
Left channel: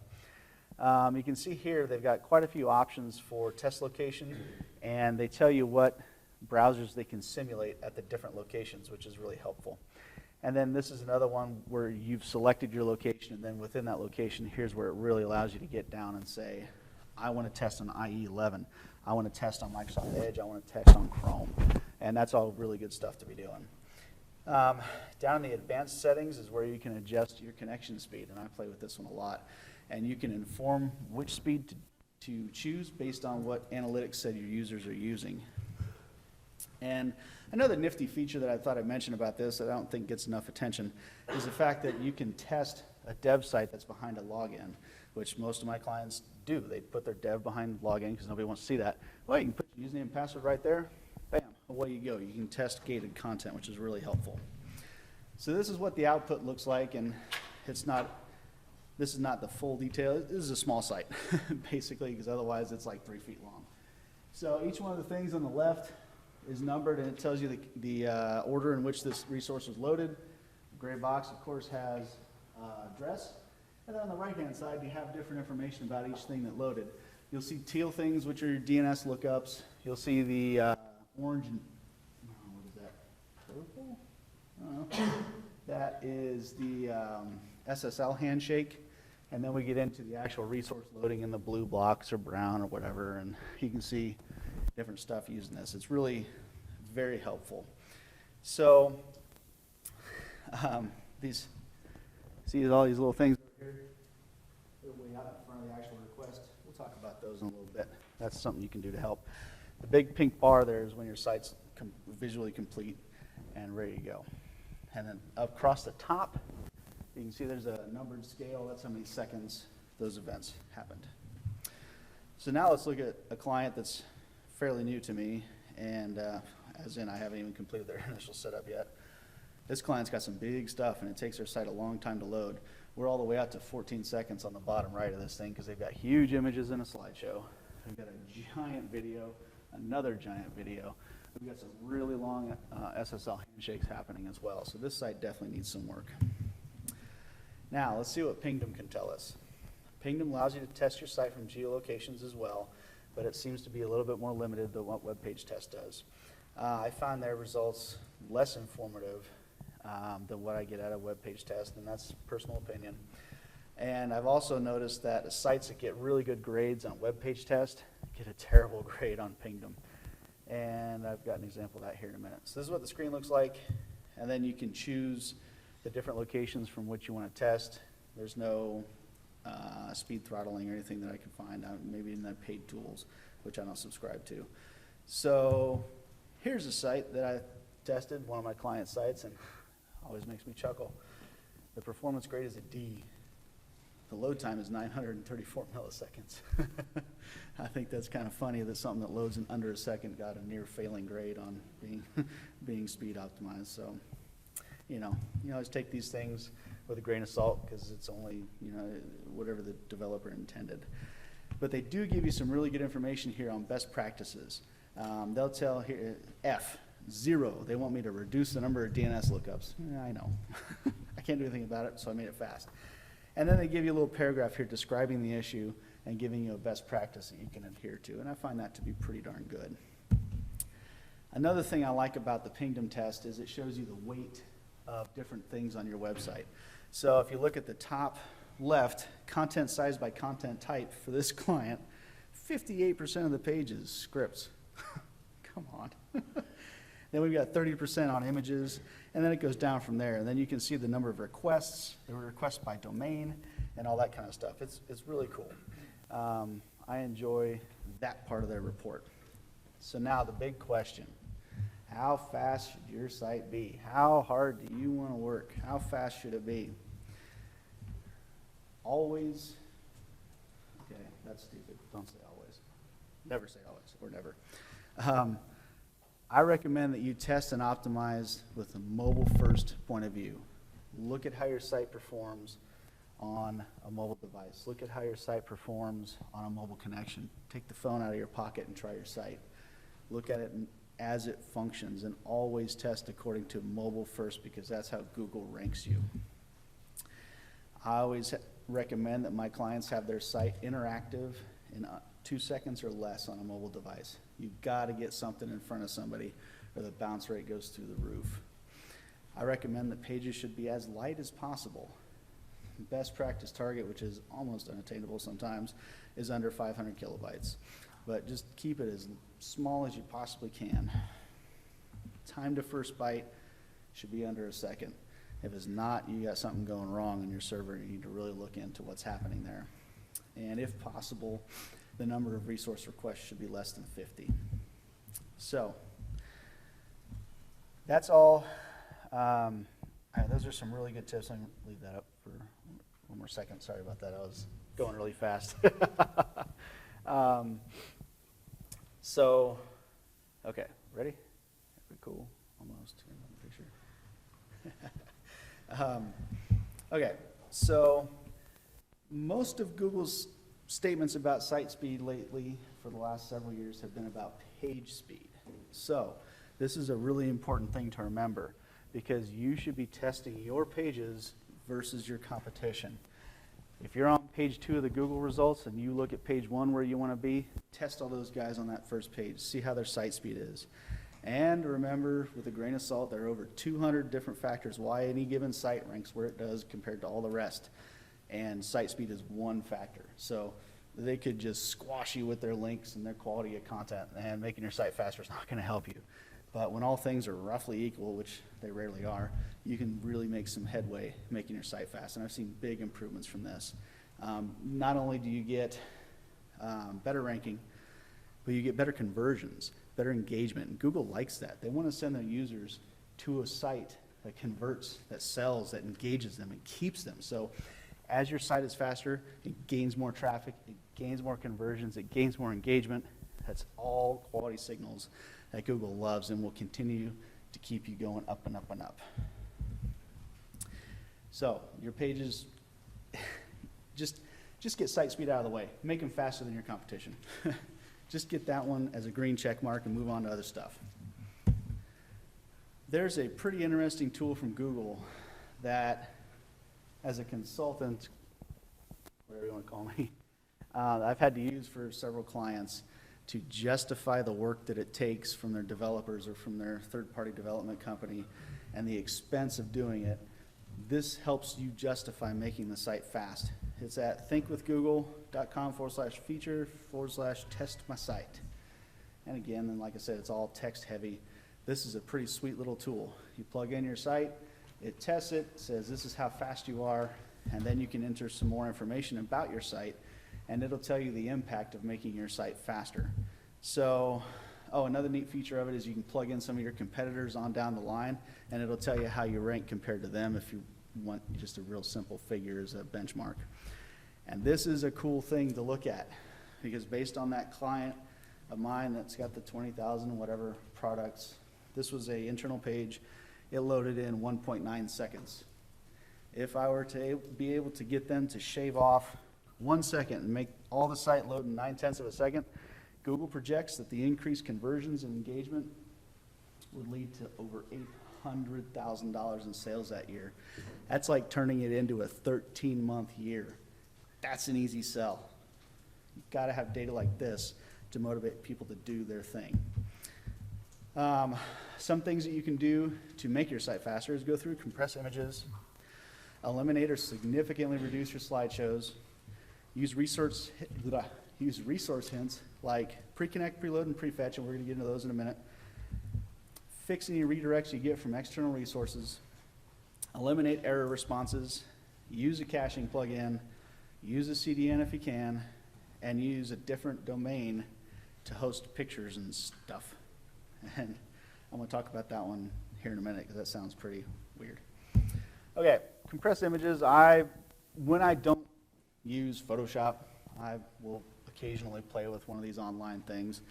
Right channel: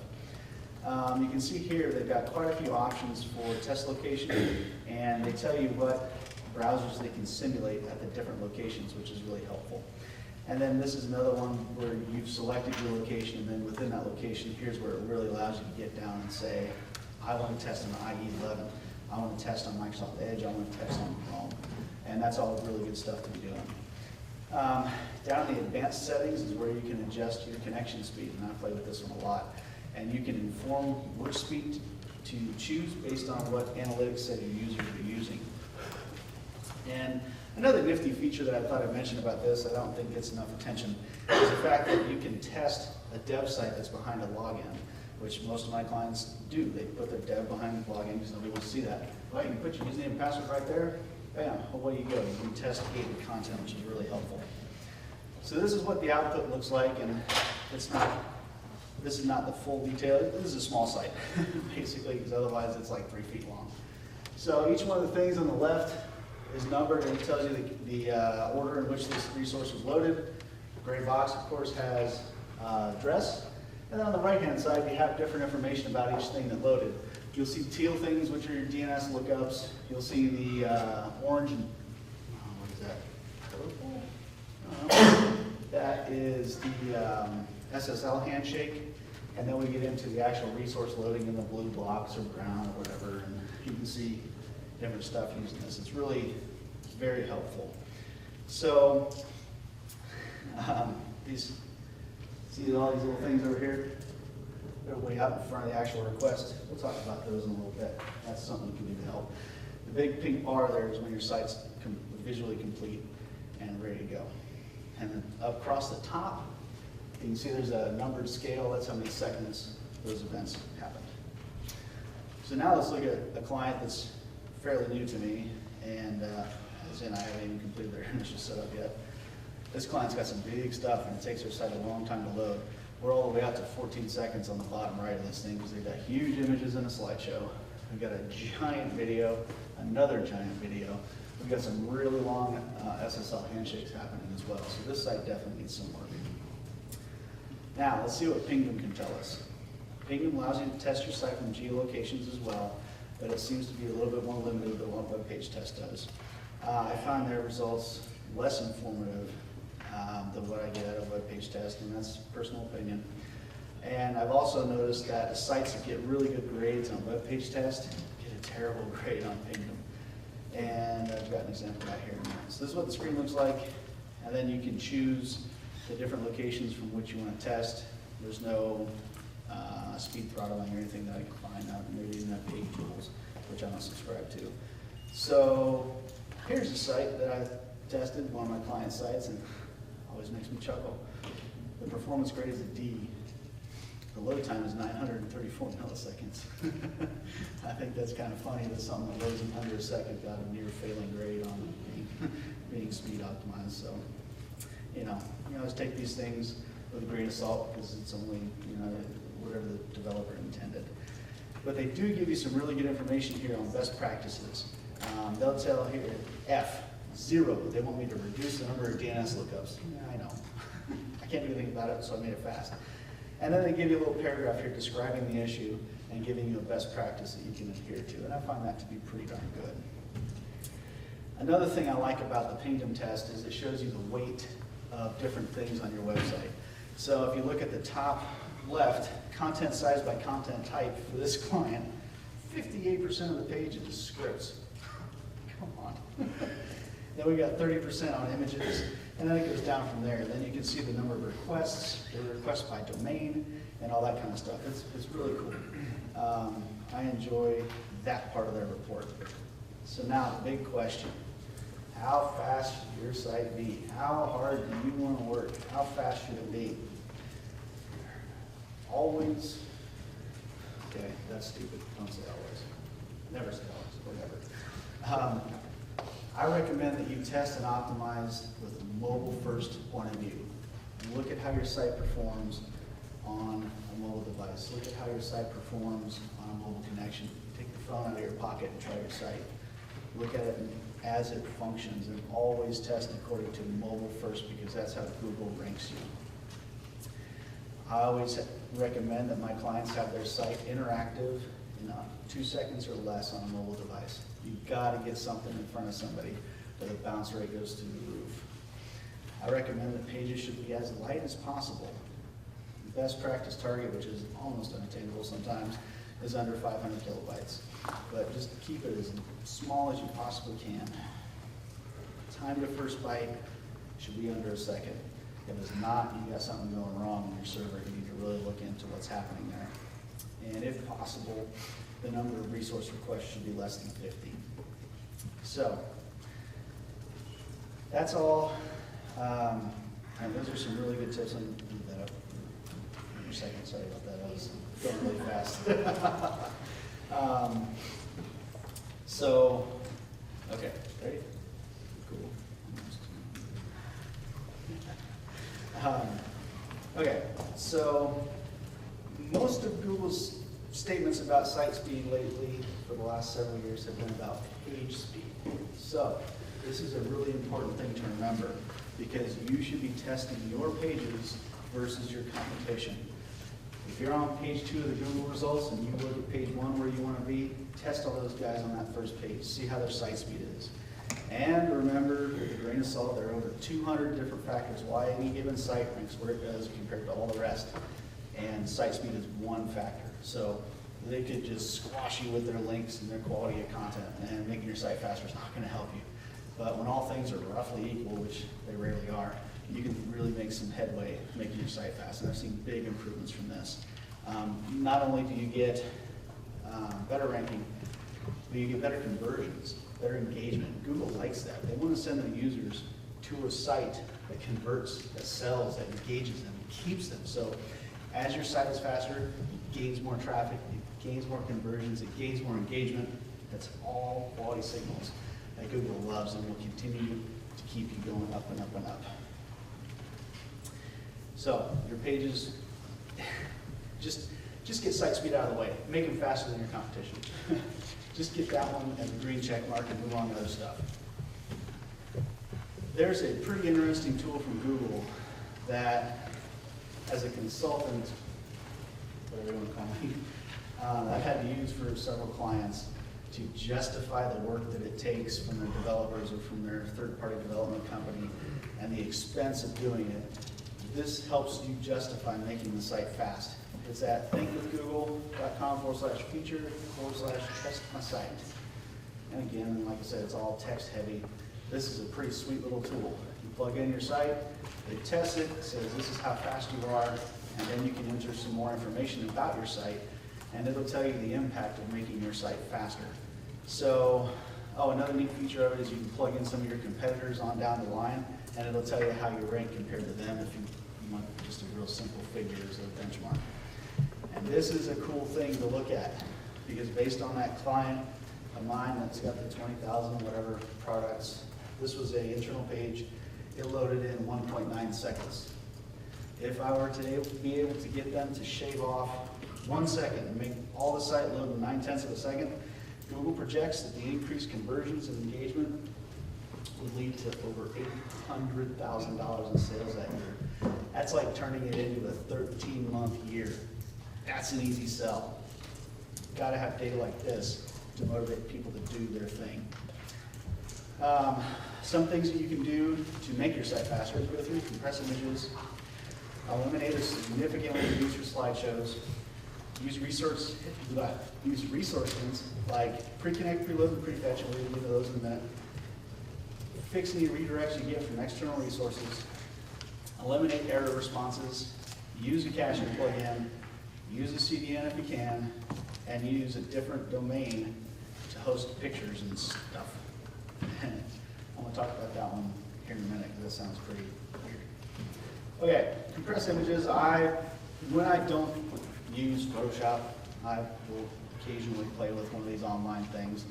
You can see here they've got quite a few options for test location, and they tell you what browsers they can simulate at the different locations, which is really helpful. And then this is another one where you've selected your location, and then within that location, here's where it really allows you to get down and say, I want to test on IE11. I want to test on Microsoft Edge. I want to test on Chrome. And that's all really good stuff to be doing. Down in the advanced settings is where you can adjust your connection speed, and I play with this one a lot. And you can inform which speed to choose based on what analytics say your users are using. And another nifty feature that I thought I'd mention about this that I don't think gets enough attention is the fact that you can test a dev site that's behind a login, which most of my clients do. They put their dev behind the login because nobody wants to see that. Well, you can put your username and password right there. Bam, well, what do you go? You can test gated content, which is really helpful. So this is what the output looks like, and this is not the full detail. This is a small site, basically, because otherwise it's like 3 feet long. So each one of the things on the left is numbered, and it tells you the order in which this resource was loaded. The gray box, of course, has address. And then on the right-hand side, you have different information about each thing that loaded. You'll see teal things, which are your DNS lookups. You'll see the orange, and what is that? That is the SSL handshake. And then we get into the actual resource loading in the blue blocks or brown or whatever. And you can see different stuff using this. It's really very helpful. So see all these little things over here? They're way out in front of the actual request. We'll talk about those in a little bit. That's something you can do to help. The big pink bar there is when your site's visually complete and ready to go. And then across the top, you can see there's a numbered scale. That's how many seconds those events happen. So now let's look at a client that's fairly new to me, and as in I haven't even completed their initial setup yet. This client's got some big stuff, and it takes their site a long time to load. We're all the way out to 14 seconds on the bottom right of this thing because they've got huge images in a slideshow. We've got a giant video, another giant video. We've got some really long SSL handshakes happening as well. So this site definitely needs some work. Now, let's see what Pingdom can tell us. Pingdom allows you to test your site from geolocations as well, but it seems to be a little bit more limited than what WebPageTest does. I found their results less informative than what I get out of WebPageTest, and that's personal opinion. And I've also noticed that sites that get really good grades on web page test get a terrible grade on Penguin. And I've got an example back here. So this is what the screen looks like. And then you can choose the different locations from which you want to test. There's no speed throttling or anything that I can find. Maybe even page tools, which I don't subscribe to. So here's a site that I've tested, one of my client sites, and always makes me chuckle. The performance grade is a D. The load time is 934 milliseconds. I think that's kind of funny that something that loads in under a second got a near failing grade on being speed optimized. So, you always take these things with a grain of salt because it's only, whatever the developer intended. But they do give you some really good information here on best practices. They'll tell here, F0, they want me to reduce the number of DNS lookups. I know. I can't do anything about it, so I made it fast. And then they give you a little paragraph here describing the issue and giving you a best practice that you can adhere to. And I find that to be pretty darn good. Another thing I like about the Pingdom test is it shows you the weight of different things on your website. So if you look at the top left, content size by content type for this client, 58% of the page is scripts. Come on. Then we got 30% on images, and then it goes down from there. And then you can see the number of requests, the requests by domain, and all that kind of stuff. It's really cool. I enjoy that part of their report. So now the big question. How fast should your site be? How hard do you want to work? How fast should it be? Always. Okay, that's stupid. Don't say always. Never say always, whatever. I recommend that you test and optimize with a mobile-first point of view. Look at how your site performs on a mobile device. Look at how your site performs on mobile connection. Take the phone out of your pocket and try your site. Look at it as it functions, and always test according to mobile first, because that's how Google ranks you. I always recommend that my clients have their site interactive in 2 seconds or less on a mobile device. You've got to get something in front of somebody where the bounce rate goes through the roof. I recommend that pages should be as light as possible. Best practice target, which is almost unattainable sometimes, is under 500 kilobytes. But just keep it as small as you possibly can. Time to first byte should be under a second. If it's not, you got something going wrong in your server. You need to really look into what's happening there. And if possible, the number of resource requests should be less than 50. So that's all. And those are some really good tips. Sorry about that. I was going really fast. Okay, ready? Cool. Okay, so most of Google's statements about site speed lately for the last several years have been about page speed. So this is a really important thing to remember, because you should be testing your pages versus your competition. If you're on page 2 of the Google results and you look at page 1 where you want to be, test all those guys on that first page. See how their site speed is. And remember, with a grain of salt, there are over 200 different factors why any given site ranks where it does compared to all the rest. And site speed is one factor. So they could just squash you with their links and their quality of content, and making your site faster is not going to help you. But when all things are roughly equal, which they rarely are, you can really make some headway making your site fast. And I've seen big improvements from this. Not only do you get better ranking, but you get better conversions, better engagement. Google likes that. They want to send their users to a site that converts, that sells, that engages them, keeps them. So as your site is faster, it gains more traffic, it gains more conversions, it gains more engagement. That's all quality signals that Google loves and will continue to keep you going up and up and up. So your pages, just get site speed out of the way. Make them faster than your competition. Just get that one as a green check mark and move on to other stuff. There's a pretty interesting tool from Google that, as a consultant, whatever you want to call me, I've had to use for several clients to justify the work that it takes from their developers or from their third-party development company and the expense of doing it. This helps you justify making the site fast. It's at thinkwithgoogle.com/feature/test-my-site. And again, like I said, it's all text heavy. This is a pretty sweet little tool. You plug in your site, it tests it, says this is how fast you are, and then you can enter some more information about your site, and it'll tell you the impact of making your site faster. So, another neat feature is you can plug in some of your competitors on down the line, and it'll tell you how you rank compared to them if you want just a real simple figure as a benchmark. And this is a cool thing to look at, because based on that client of mine that's got the 20,000 whatever products, this was an internal page. It loaded in 1.9 seconds. If I were to be able to get them to shave off 1 second and make all the site load in 9/10 of a second, Google projects that the increased conversions and engagement would lead to over $800,000 in sales that year. That's like turning it into a 13-month year. That's an easy sell. Got to have data like this to motivate people to do their thing. Some things that you can do to make your site faster is go through compress images, eliminate or significantly reduce your slideshows, use resource hints like Preconnect, Preload, and Prefetch, and we're going to get to those in a minute. Fix any redirects you get from external resources, eliminate error responses, use a caching plugin, use a CDN if you can, and use a different domain to host pictures and stuff. And I want to talk about that one here in a minute because that sounds pretty weird. Okay, compressed images. When I don't use Photoshop, I will occasionally play with one of these online things,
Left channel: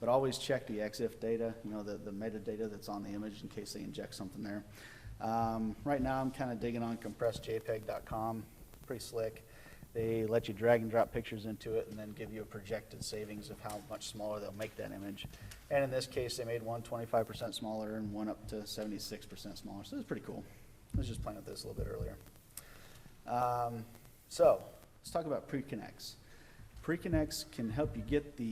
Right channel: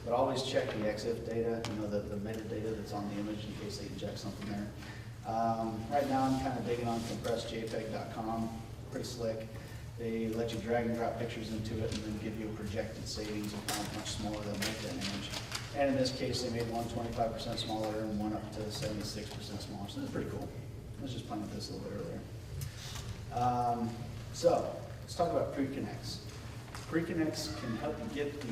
but always check the EXIF data, the metadata that's on the image in case they eject something there. Right now I'm kind of digging on compressedjpeg.com, pretty slick. They let you drag and drop pictures into it and then give you a projected savings of how much smaller they'll make that image. And in this case, they made one 25% smaller and one up to 76% smaller, so it's pretty cool. Let's just find this a little bit earlier. So let's talk about Preconnects. Preconnects can help you get the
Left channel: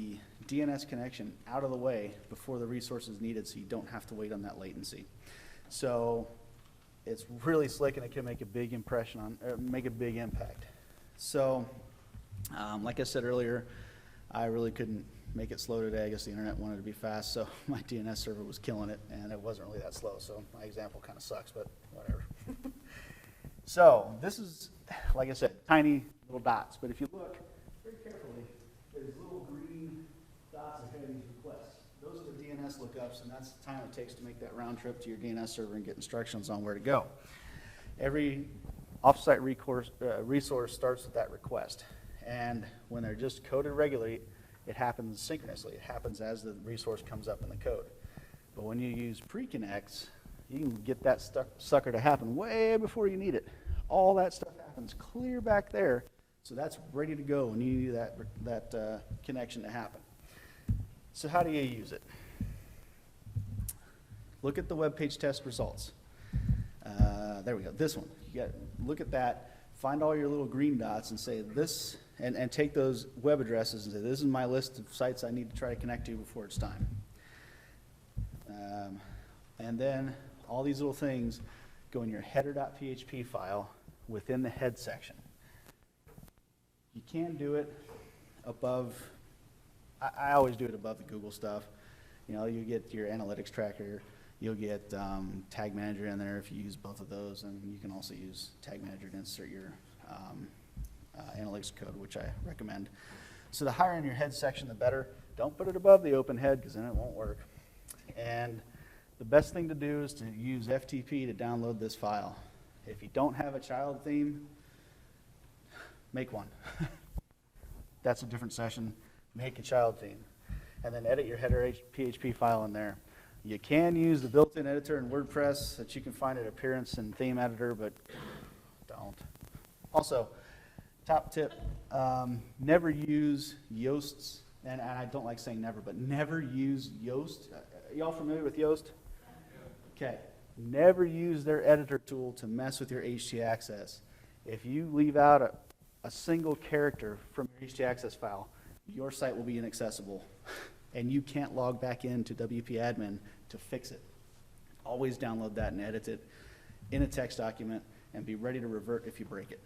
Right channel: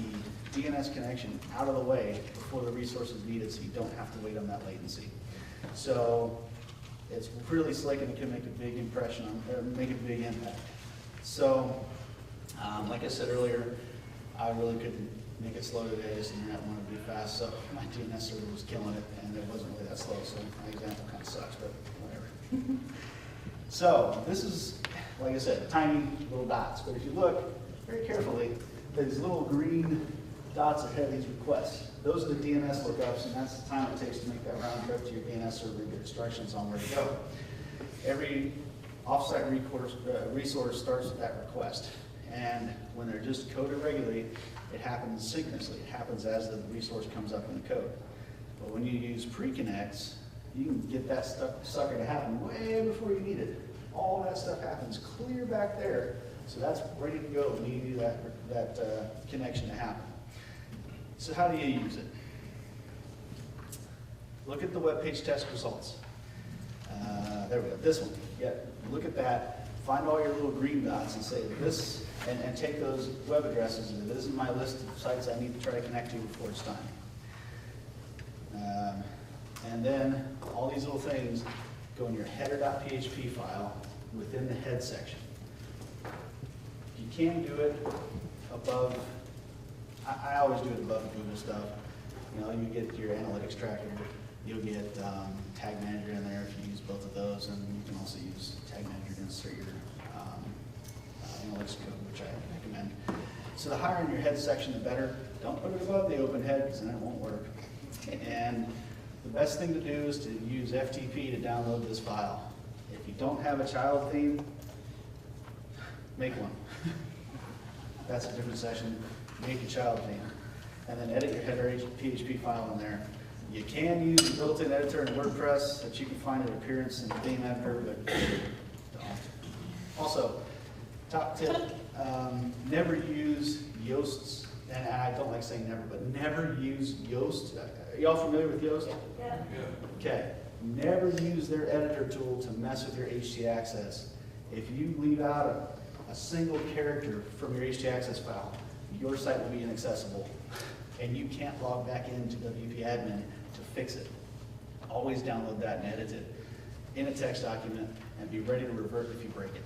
DNS connection out of the way before the resource is needed so you don't have to wait on that latency. So it's really slick and it can make a big impression, make a big impact. So, like I said earlier, I really couldn't make it slow today. I guess the internet wanted to be fast, so my DNS server was killing it, and it wasn't really that slow, so my example kind of sucks, but whatever. So, this is, like I said, tiny little dots. So if you look very carefully, these little green dots ahead of these requests. Those are the DNS lookups, and that's the time it takes to make that round trip to your DNS server and get instructions on where to go. Every offsite resource starts with that request. And when they're just coded regularly, it happens synchronously. It happens as the resource comes up in the code. But when you use Preconnects, you can get that sucker to happen way before you need it. All that stuff happens clear back there, so that's ready to go when you need that connection to happen. So how do you use it? Look at the web page test results. There we go, this one. Yeah, look at that, find all your little green dots and say this, and take those web addresses and say, this is my list of sites I need to try to connect to before it's time. And then all these little things go in your header.php file within the head section. You can't do it above, I always do it above the Google stuff. You know, you get your analytics tracker, you'll get Tag Manager in there if you use both of those, and you can also use Tag Manager to insert your analytics code, which I recommend. So the higher in your head section, the better. Don't put it above the open head, because then it won't work. And the best thing to do is to use FTP to download this file. If you don't have a child theme, make one. That's a different session. Make the child theme. And then edit your header PHP file in there. You can use the built-in editor in WordPress that you can find at Appearance and Theme Editor, but also, top tip, never use Yoast's, and I don't like saying never, but never use Yoast. Are you all familiar with Yoast? Yeah. Okay. Never use their editor tool to mess with your htaccess. If you leave out a single character from your htaccess file, your site will be inaccessible, and you can't log back into WP-admin to fix it. Always download that and edit it in a text document and be ready to revert if you break it.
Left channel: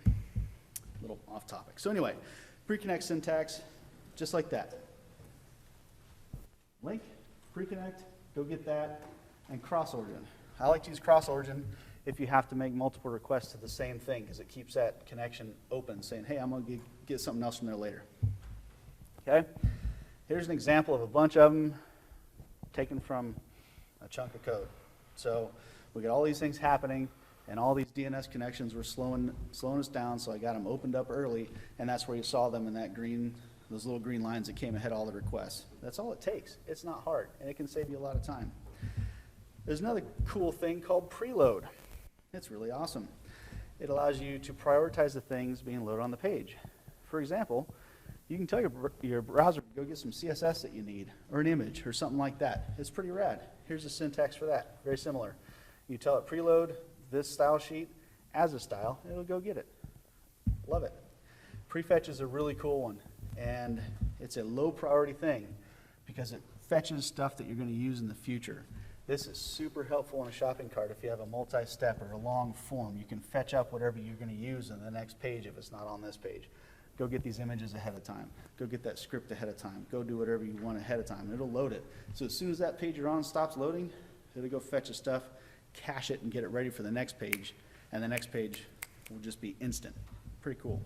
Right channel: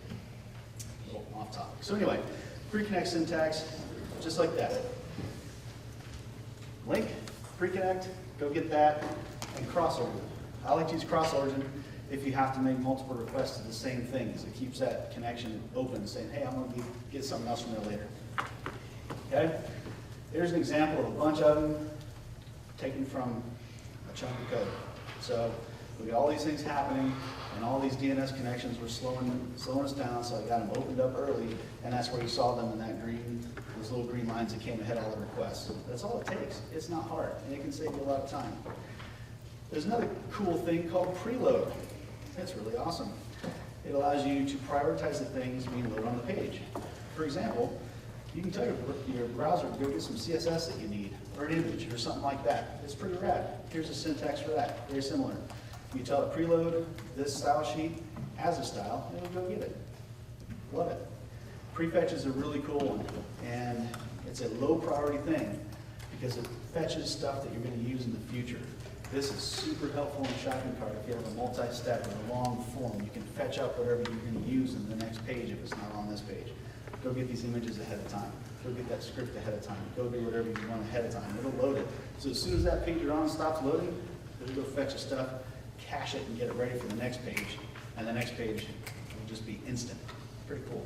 The off topic. So anyway, Preconnect syntax, just like that. Link, Preconnect, go get that, and crossover. I like to use crossover if you have to make multiple requests to the same things. It keeps that connection open, saying, hey, I'm going to get something else from there later. Okay? Here's an example of a bunch of them taken from a chunk of code. So we get all these things happening, and all these DNS connections were slowing us down, so I got them opened up early, and that's where we saw them in that green, those little green lines that came ahead of all the requests. That's all it takes. It's not hard, and it can save you a lot of time. There's another cool thing called Preload. That's really awesome. It allows you to prioritize the things you load on the page. For example, you can tell your browser to go get some CSS that you need, or an image, or something like that. It's pretty rad. Here's the syntax for that. Very similar. You tell it preload this style sheet as a style, and it'll go get it. Love it. Prefetch is a really cool one, and it's a low priority thing because it fetches stuff that you're going to use in the future. This is super helpful in a shopping cart if you have a multi-step or a long form. You can fetch out whatever you're going to use in the next page if it's not on this page. Go get these images ahead of time. Go get that script ahead of time. Go do whatever you want ahead of time, and it'll load it. So as soon as that page you're on stops loading, it'll go fetch the stuff, cache it, and get it ready for the next page. And the next page will just be instant. Pretty cool.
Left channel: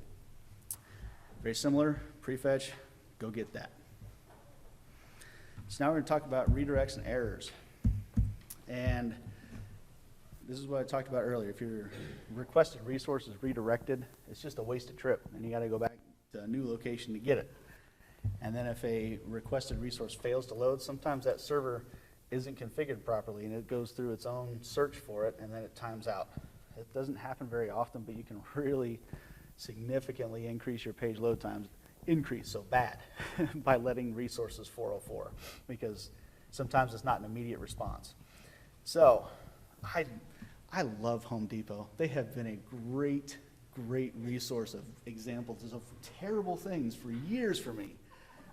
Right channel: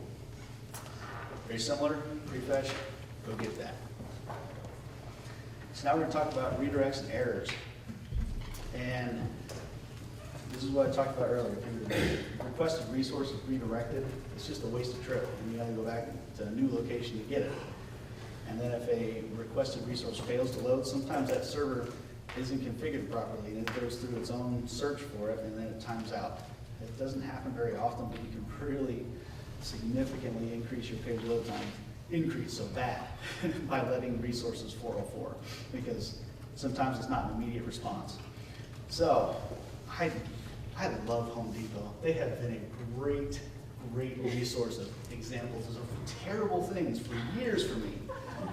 Very similar, prefetch, go get that. So now we're going to talk about redirects and errors. And this is what I talked about earlier. If your requested resource is redirected, it's just a wasted trip. And you got to go back to a new location to get it. And then if a requested resource fails to load, sometimes that server isn't configured properly, and it goes through its own search for it, and then it times out. It doesn't happen very often, but you can really significantly increase your page load time. Increase, so bad, by letting resources 404, because sometimes it's not an immediate response. So, I love Home Depot. They have been a great resource of examples of terrible things for years for me.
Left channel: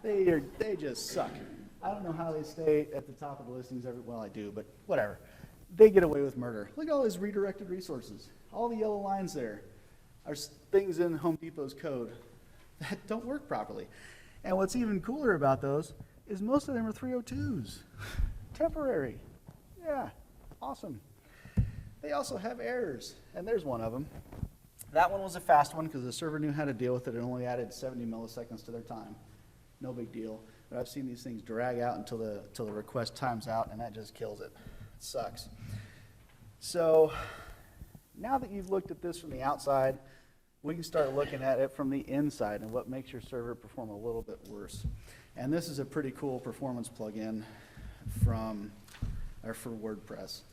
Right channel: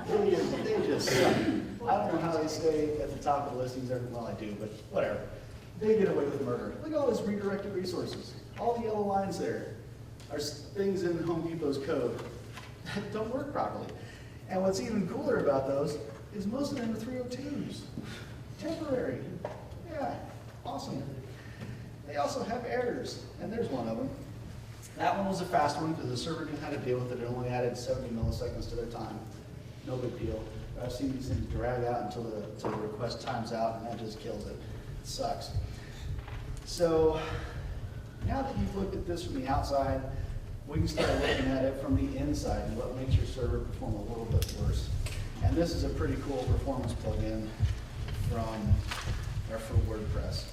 They just suck. I don't know how they stay at the top of the listings every while I do, but whatever. They get away with murder. Look at all these redirected resources. All the yellow lines there are things in Home Depot's code that don't work properly. And what's even cooler about those is most of them are 302s. Temporary. Yeah, awesome. They also have errors, and there's one of them. That one was a fast one because the server knew how to deal with it. It only added 70 milliseconds at a time. No big deal. But I've seen these things drag out until the request times out, and that just kills it. It sucks. So now that you've looked at this from the outside, we can start looking at it from the inside and what makes your server perform a little bit worse. And this is a pretty cool performance plugin for WordPress.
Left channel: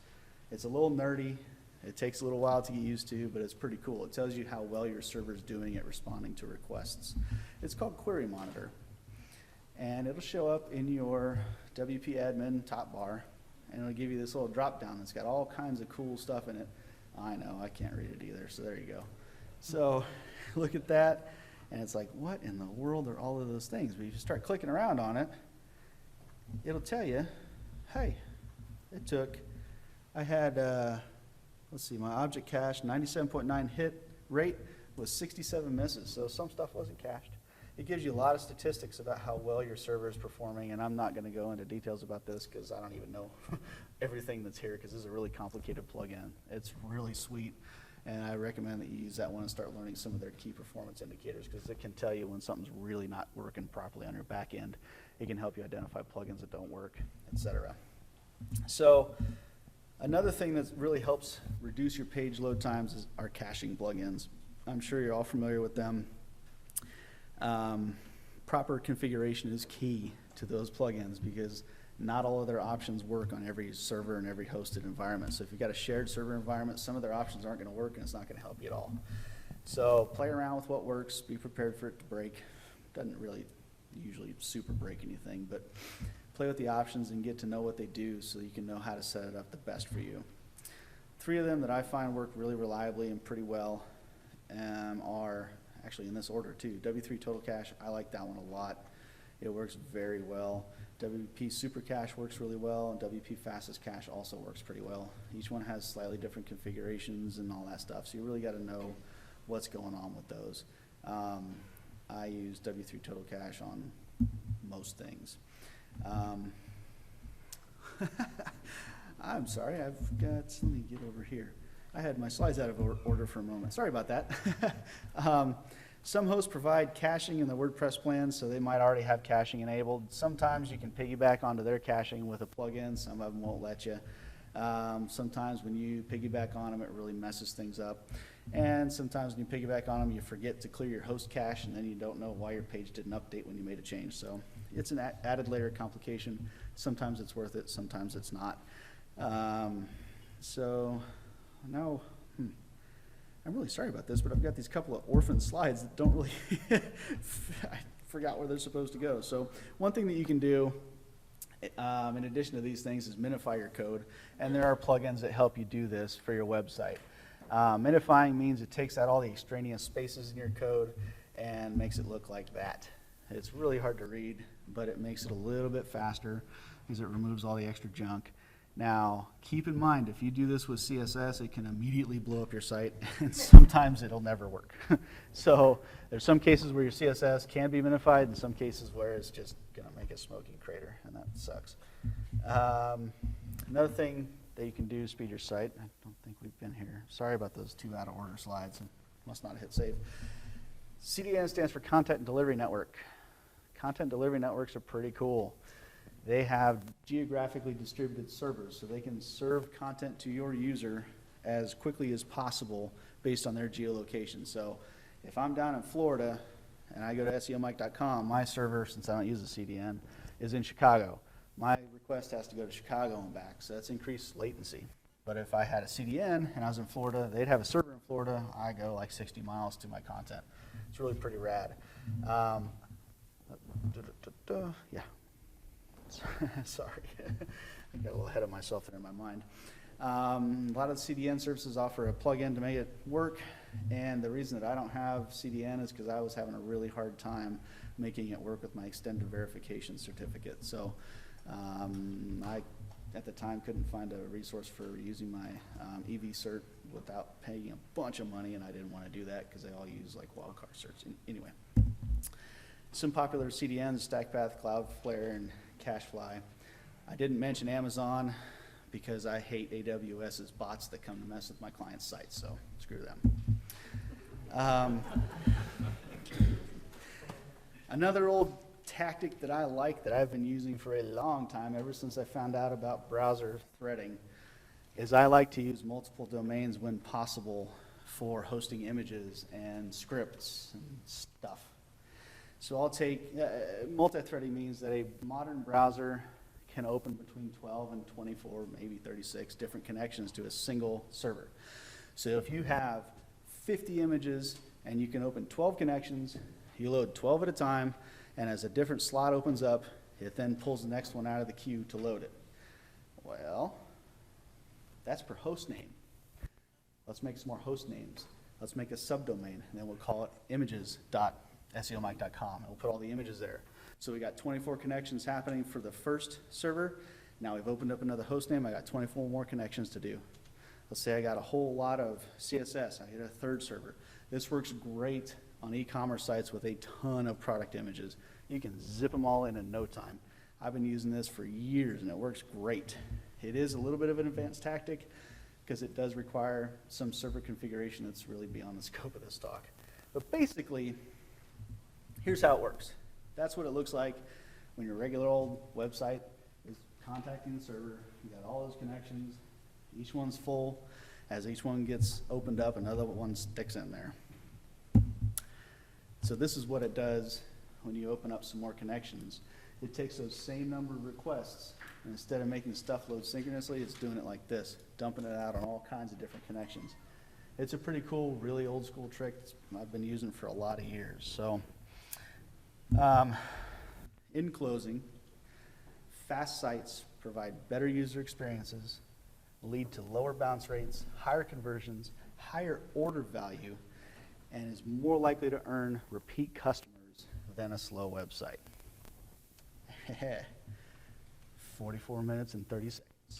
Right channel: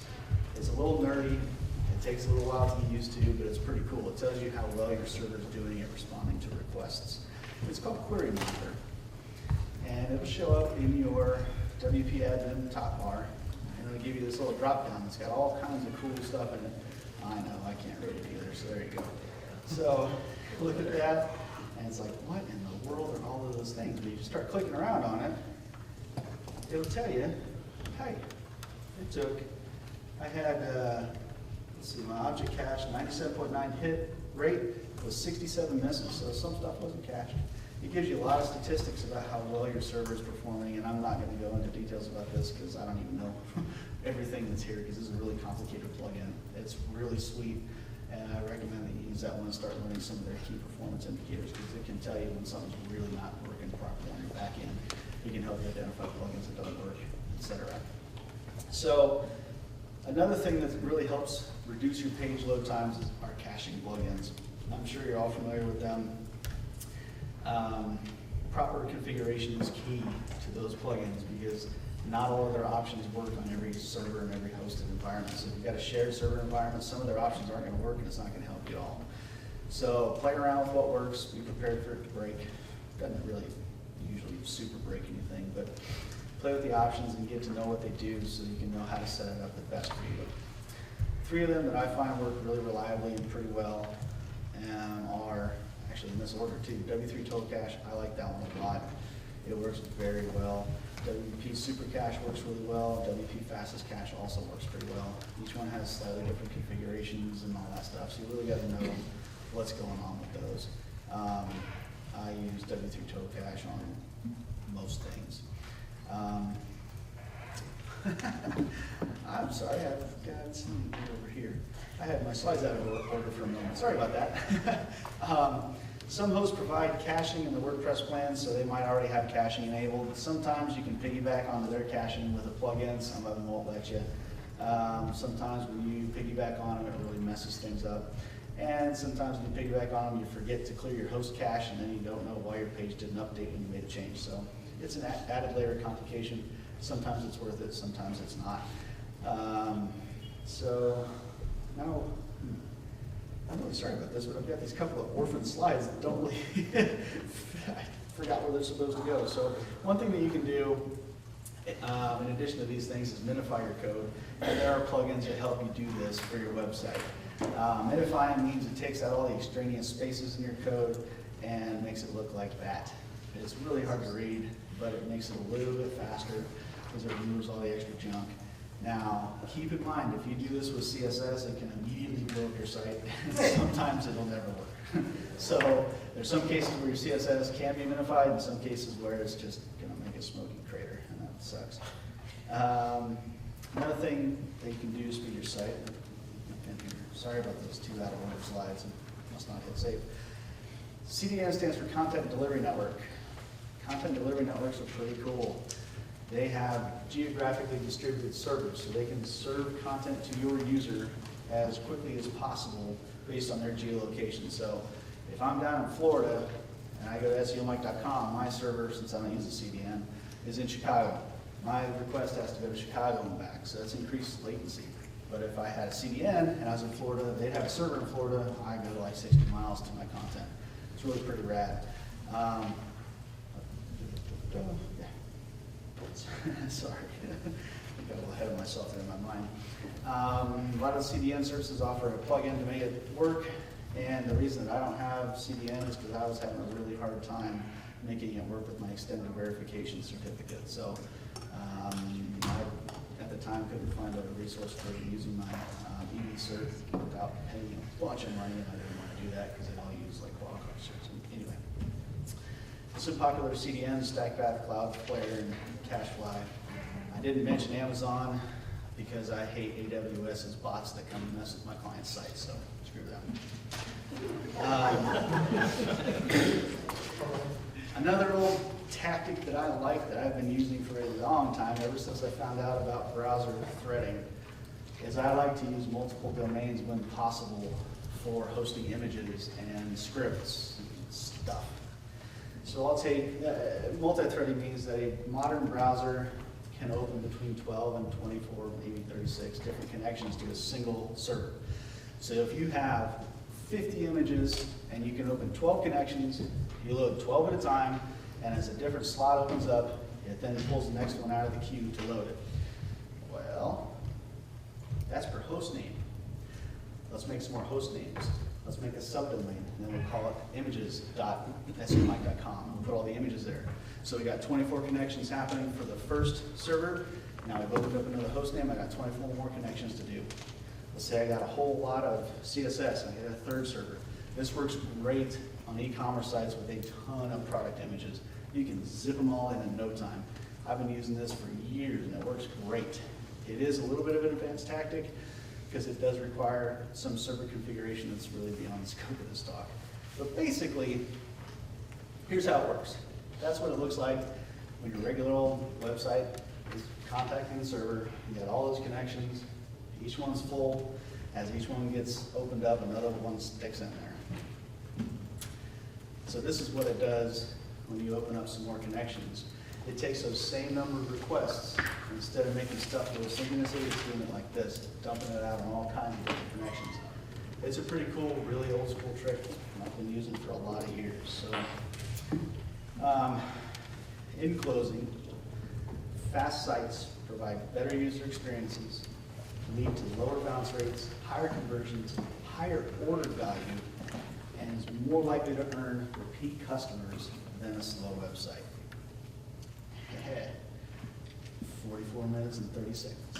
It's a little nerdy. It takes a little while to get used to, but it's pretty cool. It tells you how well your server is doing at responding to requests. It's called Query Monitor. And it'll show up in your WP admin top bar, and it'll give you this little drop down. It's got all kinds of cool stuff in it. I know, I can't read it either, so there you go. So look at that, and it's like, what in the world are all of those things? When you start clicking around on it, it'll tell you, hey, I had, let's see, my object cache, 97.9 hit rate was 67 misses, so some stuff wasn't cached. It gives you a lot of statistics about how well your server is performing, and I'm not going to go into details about this because I don't even know everything that's here, because this is a really complicated plugin. It's really sweet, and I recommend that you use that one and start learning some of their key performance indicators, because it can tell you when something's really not working properly on your back end. It can help you identify plugins that don't work, etc. So another thing that really helps reduce your page load times is our caching plugins. I'm sure you're all familiar with them. Proper configuration is key to those plugins because not all of their options work on every server and every hosted environment. So if you've got a shared server environment, some of their options aren't going to work and it's not going to help you at all. So play around with what works, be prepared for it to break. Doesn't really usually super break anything, but play with the options and get to know what they do so you can know how to set it up the best for you. 3 of them that I find work really reliably and pretty well are actually in this order too. W3 Total Cache, I like that one a lot. It works very well. WP Super Cache works really well. WP Fastest Cache also works pretty well. Each one has slightly different configurations and all that stuff, so you really got to know what's going on with those. I use W3 Total Cache on most things. I'm sorry, I've got some over here. I had my slides out of order for a minute. Sorry about that. Some hosts provide caching in the WordPress plan, so they might already have caching enabled. Sometimes you can piggyback onto their caching with a plugin. Some of them won't let you. Sometimes when you piggyback on it, it really messes things up. And sometimes when you piggyback on them, you forget to clear your host cache, and then you don't know why your page didn't update when you made a change. So it's an added layer of complication. Sometimes it's worth it, sometimes it's not. I'm really sorry about this, but I've got these couple of orphan slides that don't really, I forgot where they're supposed to go. So one thing that you can do, in addition to these things, is minify your code. And there are plugins that help you do this for your website. Minifying means it takes out all the extraneous spaces in your code and makes it look like that. It's really hard to read, but it makes it a little bit faster because it removes all the extra junk. Now, keep in mind, if you do this with CSS, it can immediately blow up your site, and sometimes it'll never work. So there's some cases where your CSS can be minified, and some cases where it's just going to make a smoky crater, and that sucks. Another thing that you can do is speed your site. Sorry about those 2 out of order slides. That's not hit save. CDN stands for Content Delivery Network. Content Delivery Networks are pretty cool. They have geographically distributed servers, so they can serve content to your user as quickly as possible based on their geolocation. So if I'm down in Florida and I go to SEOMike.com, my server, since I don't use the CDN, is in Chicago. My request has to go to Chicago and back, so that's increased latency. But if I had a CDN and I was in Florida, they'd have a server in Florida, I go like 60 miles to my content. It's really pretty rad. Yeah. Sorry, got a little ahead of myself there in my mind. A lot of the CDN services offer a plugin to make it work, and the reason that I don't have CDN is because I was having a really hard time making it work with my extended verification certificate. So I, at the time, couldn't find a resource for using my EV cert without paying a bunch of money. I didn't want to do that because they all use like Qualcomm certs. Anyway, some popular CDNs: StackPath, Cloudflare, and Cashfly. I didn't mention Amazon because I hate AWS's bots that come and mess with my client's site, so screw them. Another old tactic that I like that I've been using for a long time, ever since I found out about browser threading, is I like to use multiple domains when possible for hosting images and scripts and stuff. So I'll take, multi-threading means a modern browser can open between 12 and 24, maybe 36 different connections to a single server. So if you have 50 images and you can open 12 connections, you load 12 at a time, and as a different slot opens up, it then pulls the next one out of the queue to load it. Well, that's for host name. Let's make some more host names. Let's make a subdomain, and then we'll call it images.SEOMike.com. We'll put all the images there. So we got 24 connections happening for the first server. Now I've opened up another host name. I got 24 more connections to do. Let's say I got a whole lot of CSS, and I got a third server. This works great on e-commerce sites with a ton of product images. You can zip them all in no time. I've been using this for years, and it works great. It is a little bit of an advanced tactic because it does require some server configuration that's really beyond the scope of the stock. But basically, here's how it works. That's what it looks like when your regular old website is contacting the server. You got all those connections. Each one's full. As each one gets opened up, another one sticks in there. So this is what it does when you open up some more connections. It takes those same number of requests. Instead of making stuff go seamlessly, it's doing it like this, dumping it out on all kinds of different connections. It's a pretty cool, really old school trick. I've been using it for a lot of years. So, in closing, fast sites provide better user experiences, lead to lower bounce rates, higher conversions, higher order value, and is more likely to earn repeat customers than a slow website. 44 minutes and 30 seconds.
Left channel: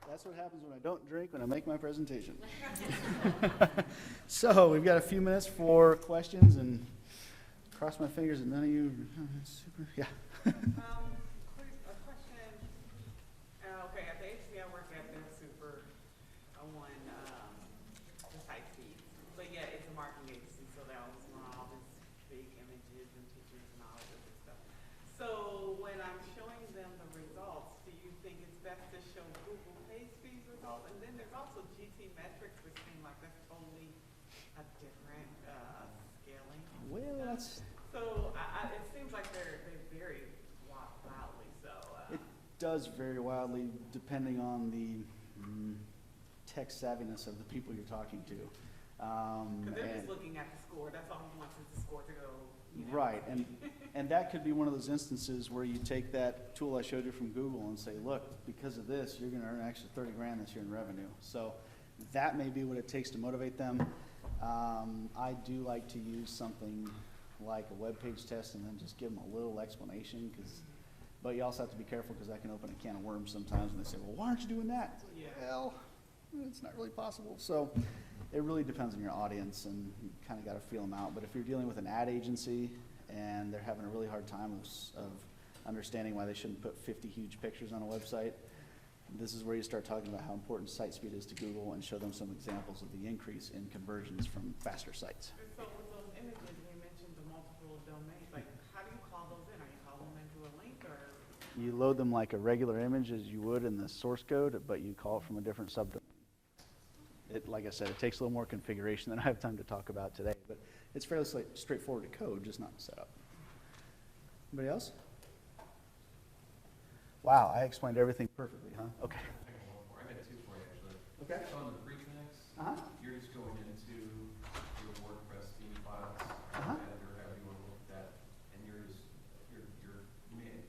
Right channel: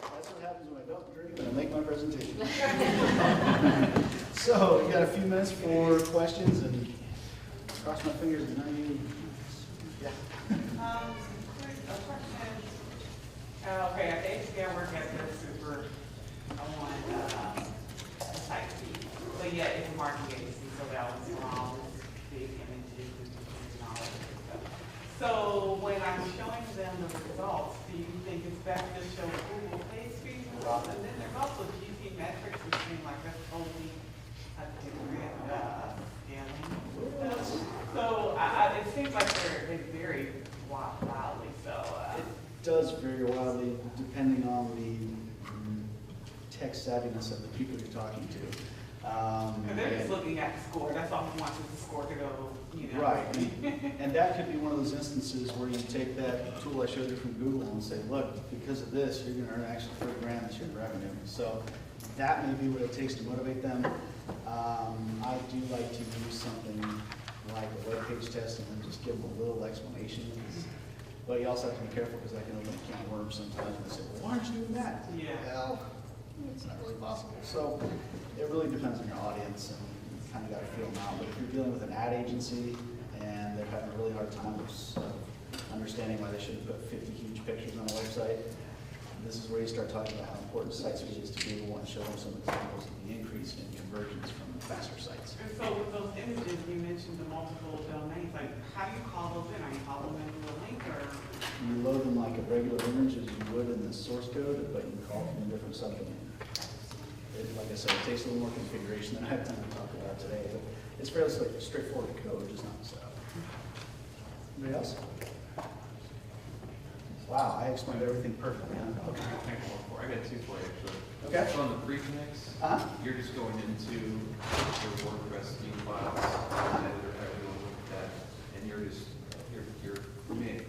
That's what happens when I don't minutes for questions and cross my fingers and then yeah. A question. Okay, at HCI work at the super. I want type B, but yeah, it's a marketing agency, so that was wrong. Big images and all that stuff. So when I'm showing them the results, do you think it's best to show Google page speed results? And then there's also GT metrics, which seem like that's totally a different scaling. So it seems like they vary wildly. So It does very wildly depending on the tech savviness of the people you're talking to. and they're just looking at the score. That's all we want is the score to go. You know. Right, and that could be one of those instances where you take that tool I showed you from Google and say, look, because of this, you're going to earn extra 30 grand this year in revenue. So that may be what it takes to motivate them. I do like to do something like a web page testing and just give them a little explanation. But you also have to be careful because I know you can't worm sometimes and say, well, why aren't you doing that? Yeah. Well, it's not really possible. So it really depends on your audience and kind of got to feel them out. But if you're dealing with an ad agency and they're having a really hard time of understanding why they shouldn't put 50 huge pictures on a website, this is where you start talking about how important site speed is to be able to show them some examples of the increase in conversions from faster sites. And so with those images, you mentioned the multiple domains. Like, how do you call those in? Are you calling them into a link or? You load them like a regular image as you would in the source code, but you can call from a different subdomain. Like I said, it takes a little more configuration than I have time to talk about today. But it's fairly straightforward code, it's not stuff. Anybody else? Wow, I explained everything perfectly. Huh? Okay. I got two for you, actually. Okay. So on the Preconnects, you're just going into your WordPress theme files, editor, how you look at that, and you're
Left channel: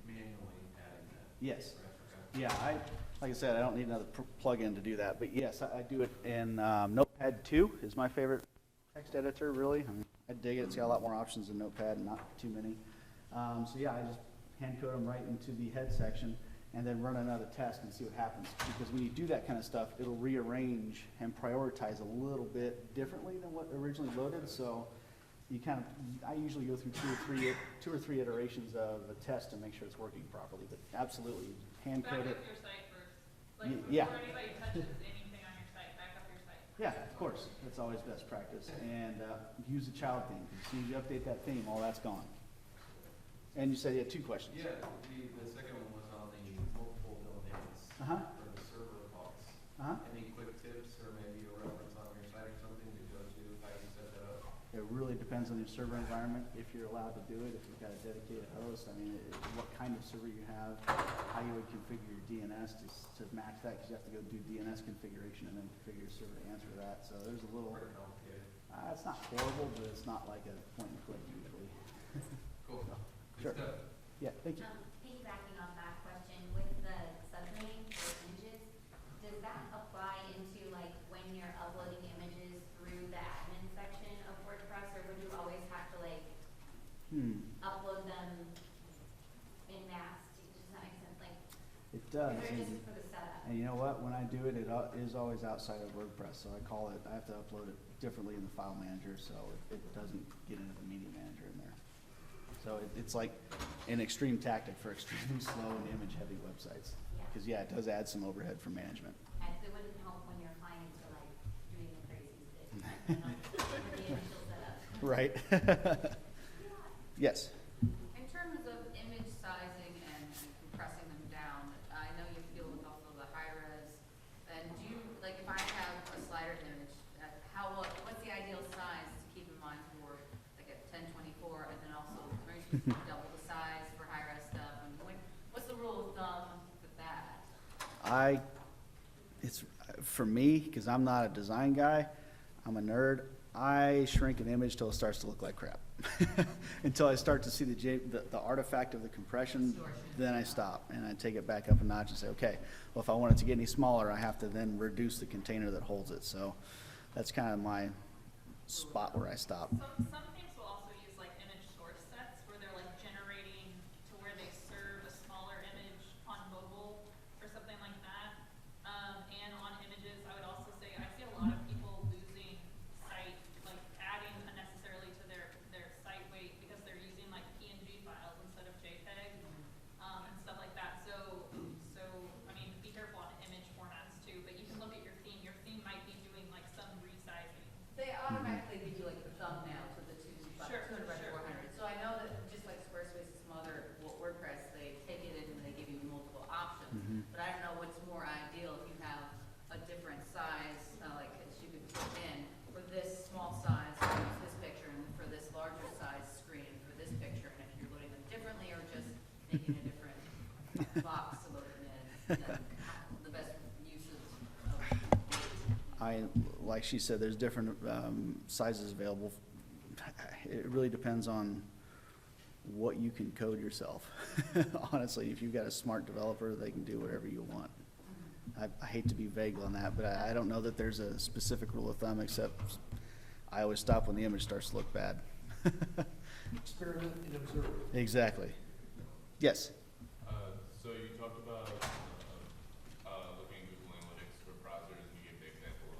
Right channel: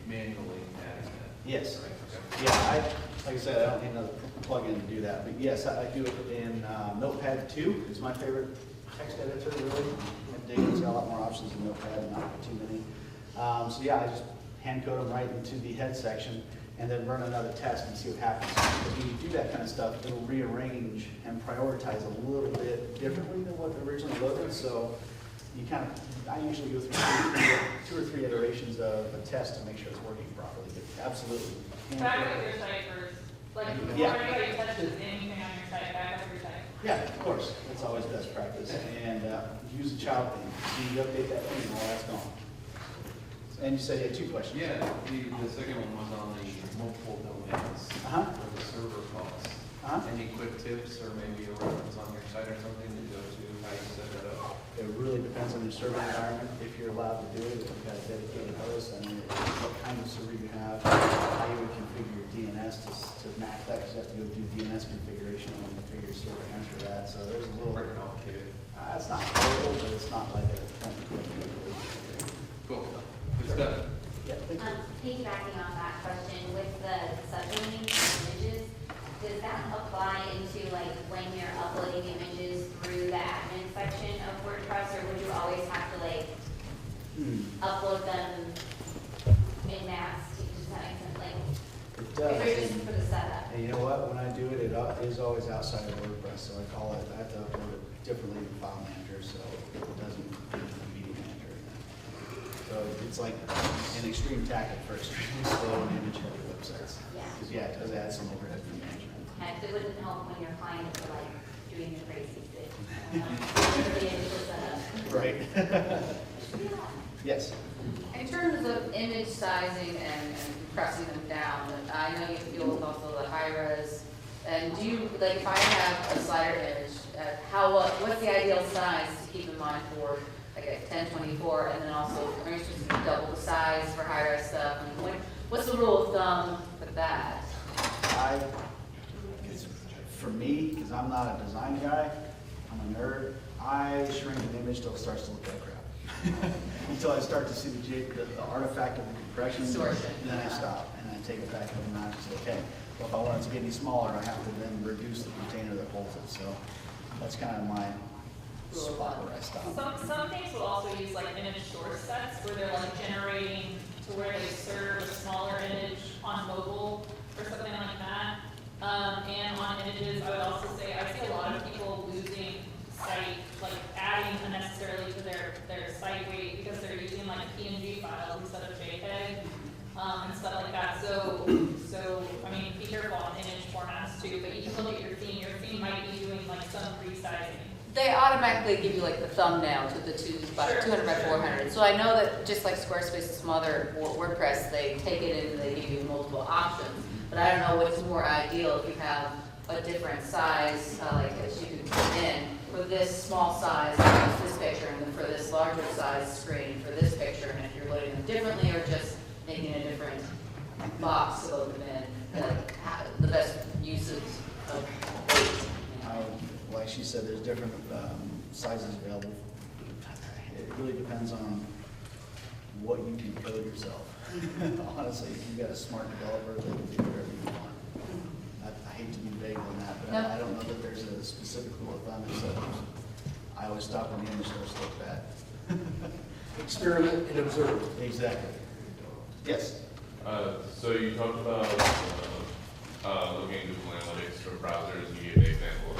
manually adding that. Yes. Right, okay. Yeah, like I said, I don't need another plugin to do that, but yes, I do it in Notepad 2. It's my favorite text editor, really. And David's got a lot more options in Notepad, not too many. So yeah, I just hand code them right into the head section and then run another test and see what happens. When you do that kind of stuff, you'll rearrange and prioritize a little bit differently than what originally loaded. So you kind of, I usually go through two or three iterations of a test to make sure it's working properly. Absolutely. Back up your site first. Like, Yeah. before anybody touches anything on your site, back up your site. Yeah, of course. That's always best practice. And use the child thing. You update that thing, all that's gone. And you said you had two questions. Yeah, the second one was on the multiple domains, or the server costs. Any quick tips or maybe a reference on your site or something to go to, how you set that up? It really depends on your server environment, if you're allowed to do it, if you've got a dedicated host, and what kind of server you have, how you would configure your DNS to match that, because you have to go do DNS configuration and configure your server answer that, so there's a little. Pretty complicated. It's not horrible, but it's not like a. Cool. Good stuff. Yeah. Piggybacking on that question, with the subdomain images, does that apply into like when you're uploading images through the admin section of WordPress, or would you always have to like upload them in mass? Does that make sense? Like, It is does. it just for the setup? And you know what, when I do it, it is always outside of WordPress, so I call it, I have to upload it differently in File Manager, so it doesn't get to the Media Manager. So it's like an extreme tactic for extremely slow and image-heavy websites. Yeah. Because yeah, it does add some overhead for management. And it wouldn't help when your clients are like doing the crazy thing. The initial setup. Right. Yes. In terms of image sizing and compressing them down, and I know you deal with also the high res, and do you, like if I have a slider image, what's the ideal size to keep in mind for like a 1024, and then also, are you supposed to double the size for high res stuff? And what's the rule of thumb with that? It's for me, because I'm not a design guy, I'm a nerd, I shrink an image till it starts to look like crap. Until I start to see the artifact of the compression, Distortion. then I stop and I take it back up a notch and say, okay, well, if I want it to get any smaller, I have to then reduce the container that holds it. So that's kind of my spot where I stop. Some things will also use like image source sets where they're like generating to where they serve a smaller image on mobile or something like that. And on images, I would also say I see a lot of people losing site, like adding unnecessary technically give you like the thumbnail to the 200 by 400. So I know that just like Squarespace and some other WordPress, they take it in and they give you multiple options. But I don't know what's more ideal if you have a different size, like that you can put in for this small size, this picture, and then for this larger size screen for this picture, and if you're loading them differently or just making a different box to load them in, the best uses of weight. Like she said, there's different sizes available. It really depends on what you can code yourself. Honestly, if you've got a smart developer, they can do whatever you want. I hate to be vague on that, but I don't know that there's a specific rule of thumb, except I always stop when the image starts to look bad. Experiment and observe. Exactly. Yes? So you talked about looking at Google Analytics for browsers. You gave an example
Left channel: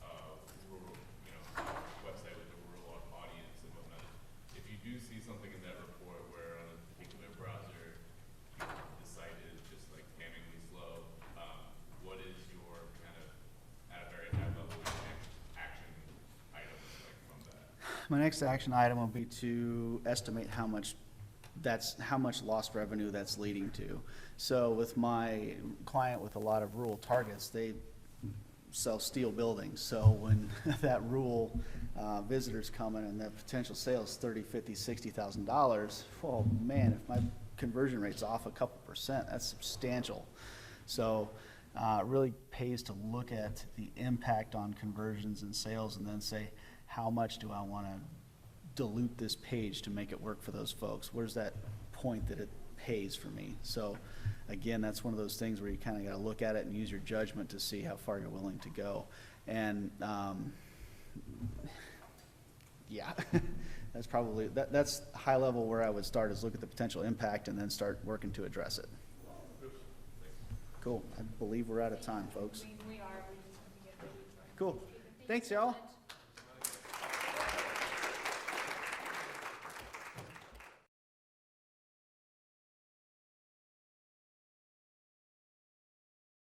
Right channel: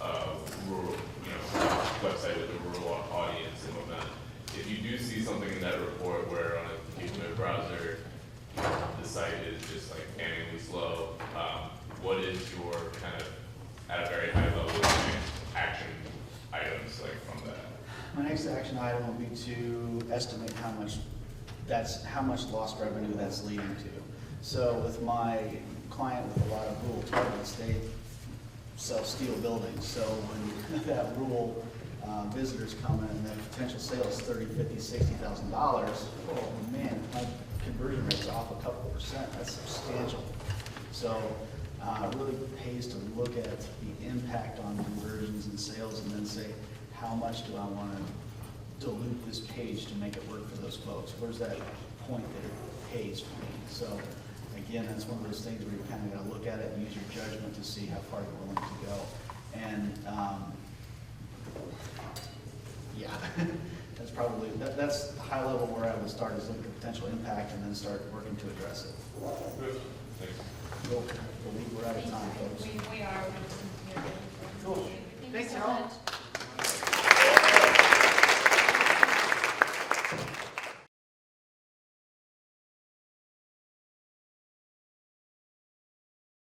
of rural, website with a rural audience and whatnot. If you do see something in that report where on a particular browser the site is just like damningly slow, what is your kind of at a very high level action items like from that? My next action item will be to estimate how much lost revenue that's leading to. So with my client with a lot of rural targets, they sell steel buildings. So when that rural visitors come and the potential sales $30,000, $50,000, $60,000, oh man, my conversion rate's off a couple %. That's substantial. So it really pays to look at the impact on conversions and sales and then say, how much do I want to dilute this page to make it work for those folks? Where's that point that it pays for me? So again, that's one of those things where you kind of got to look at it and use your judgment to see how far you're willing to go. And yeah, that's probably, that's high level where I would start, is look at the potential impact and then start working to address it. Cool. We'll leave, we're out of time, folks. We are. Cool. Thanks, y'all.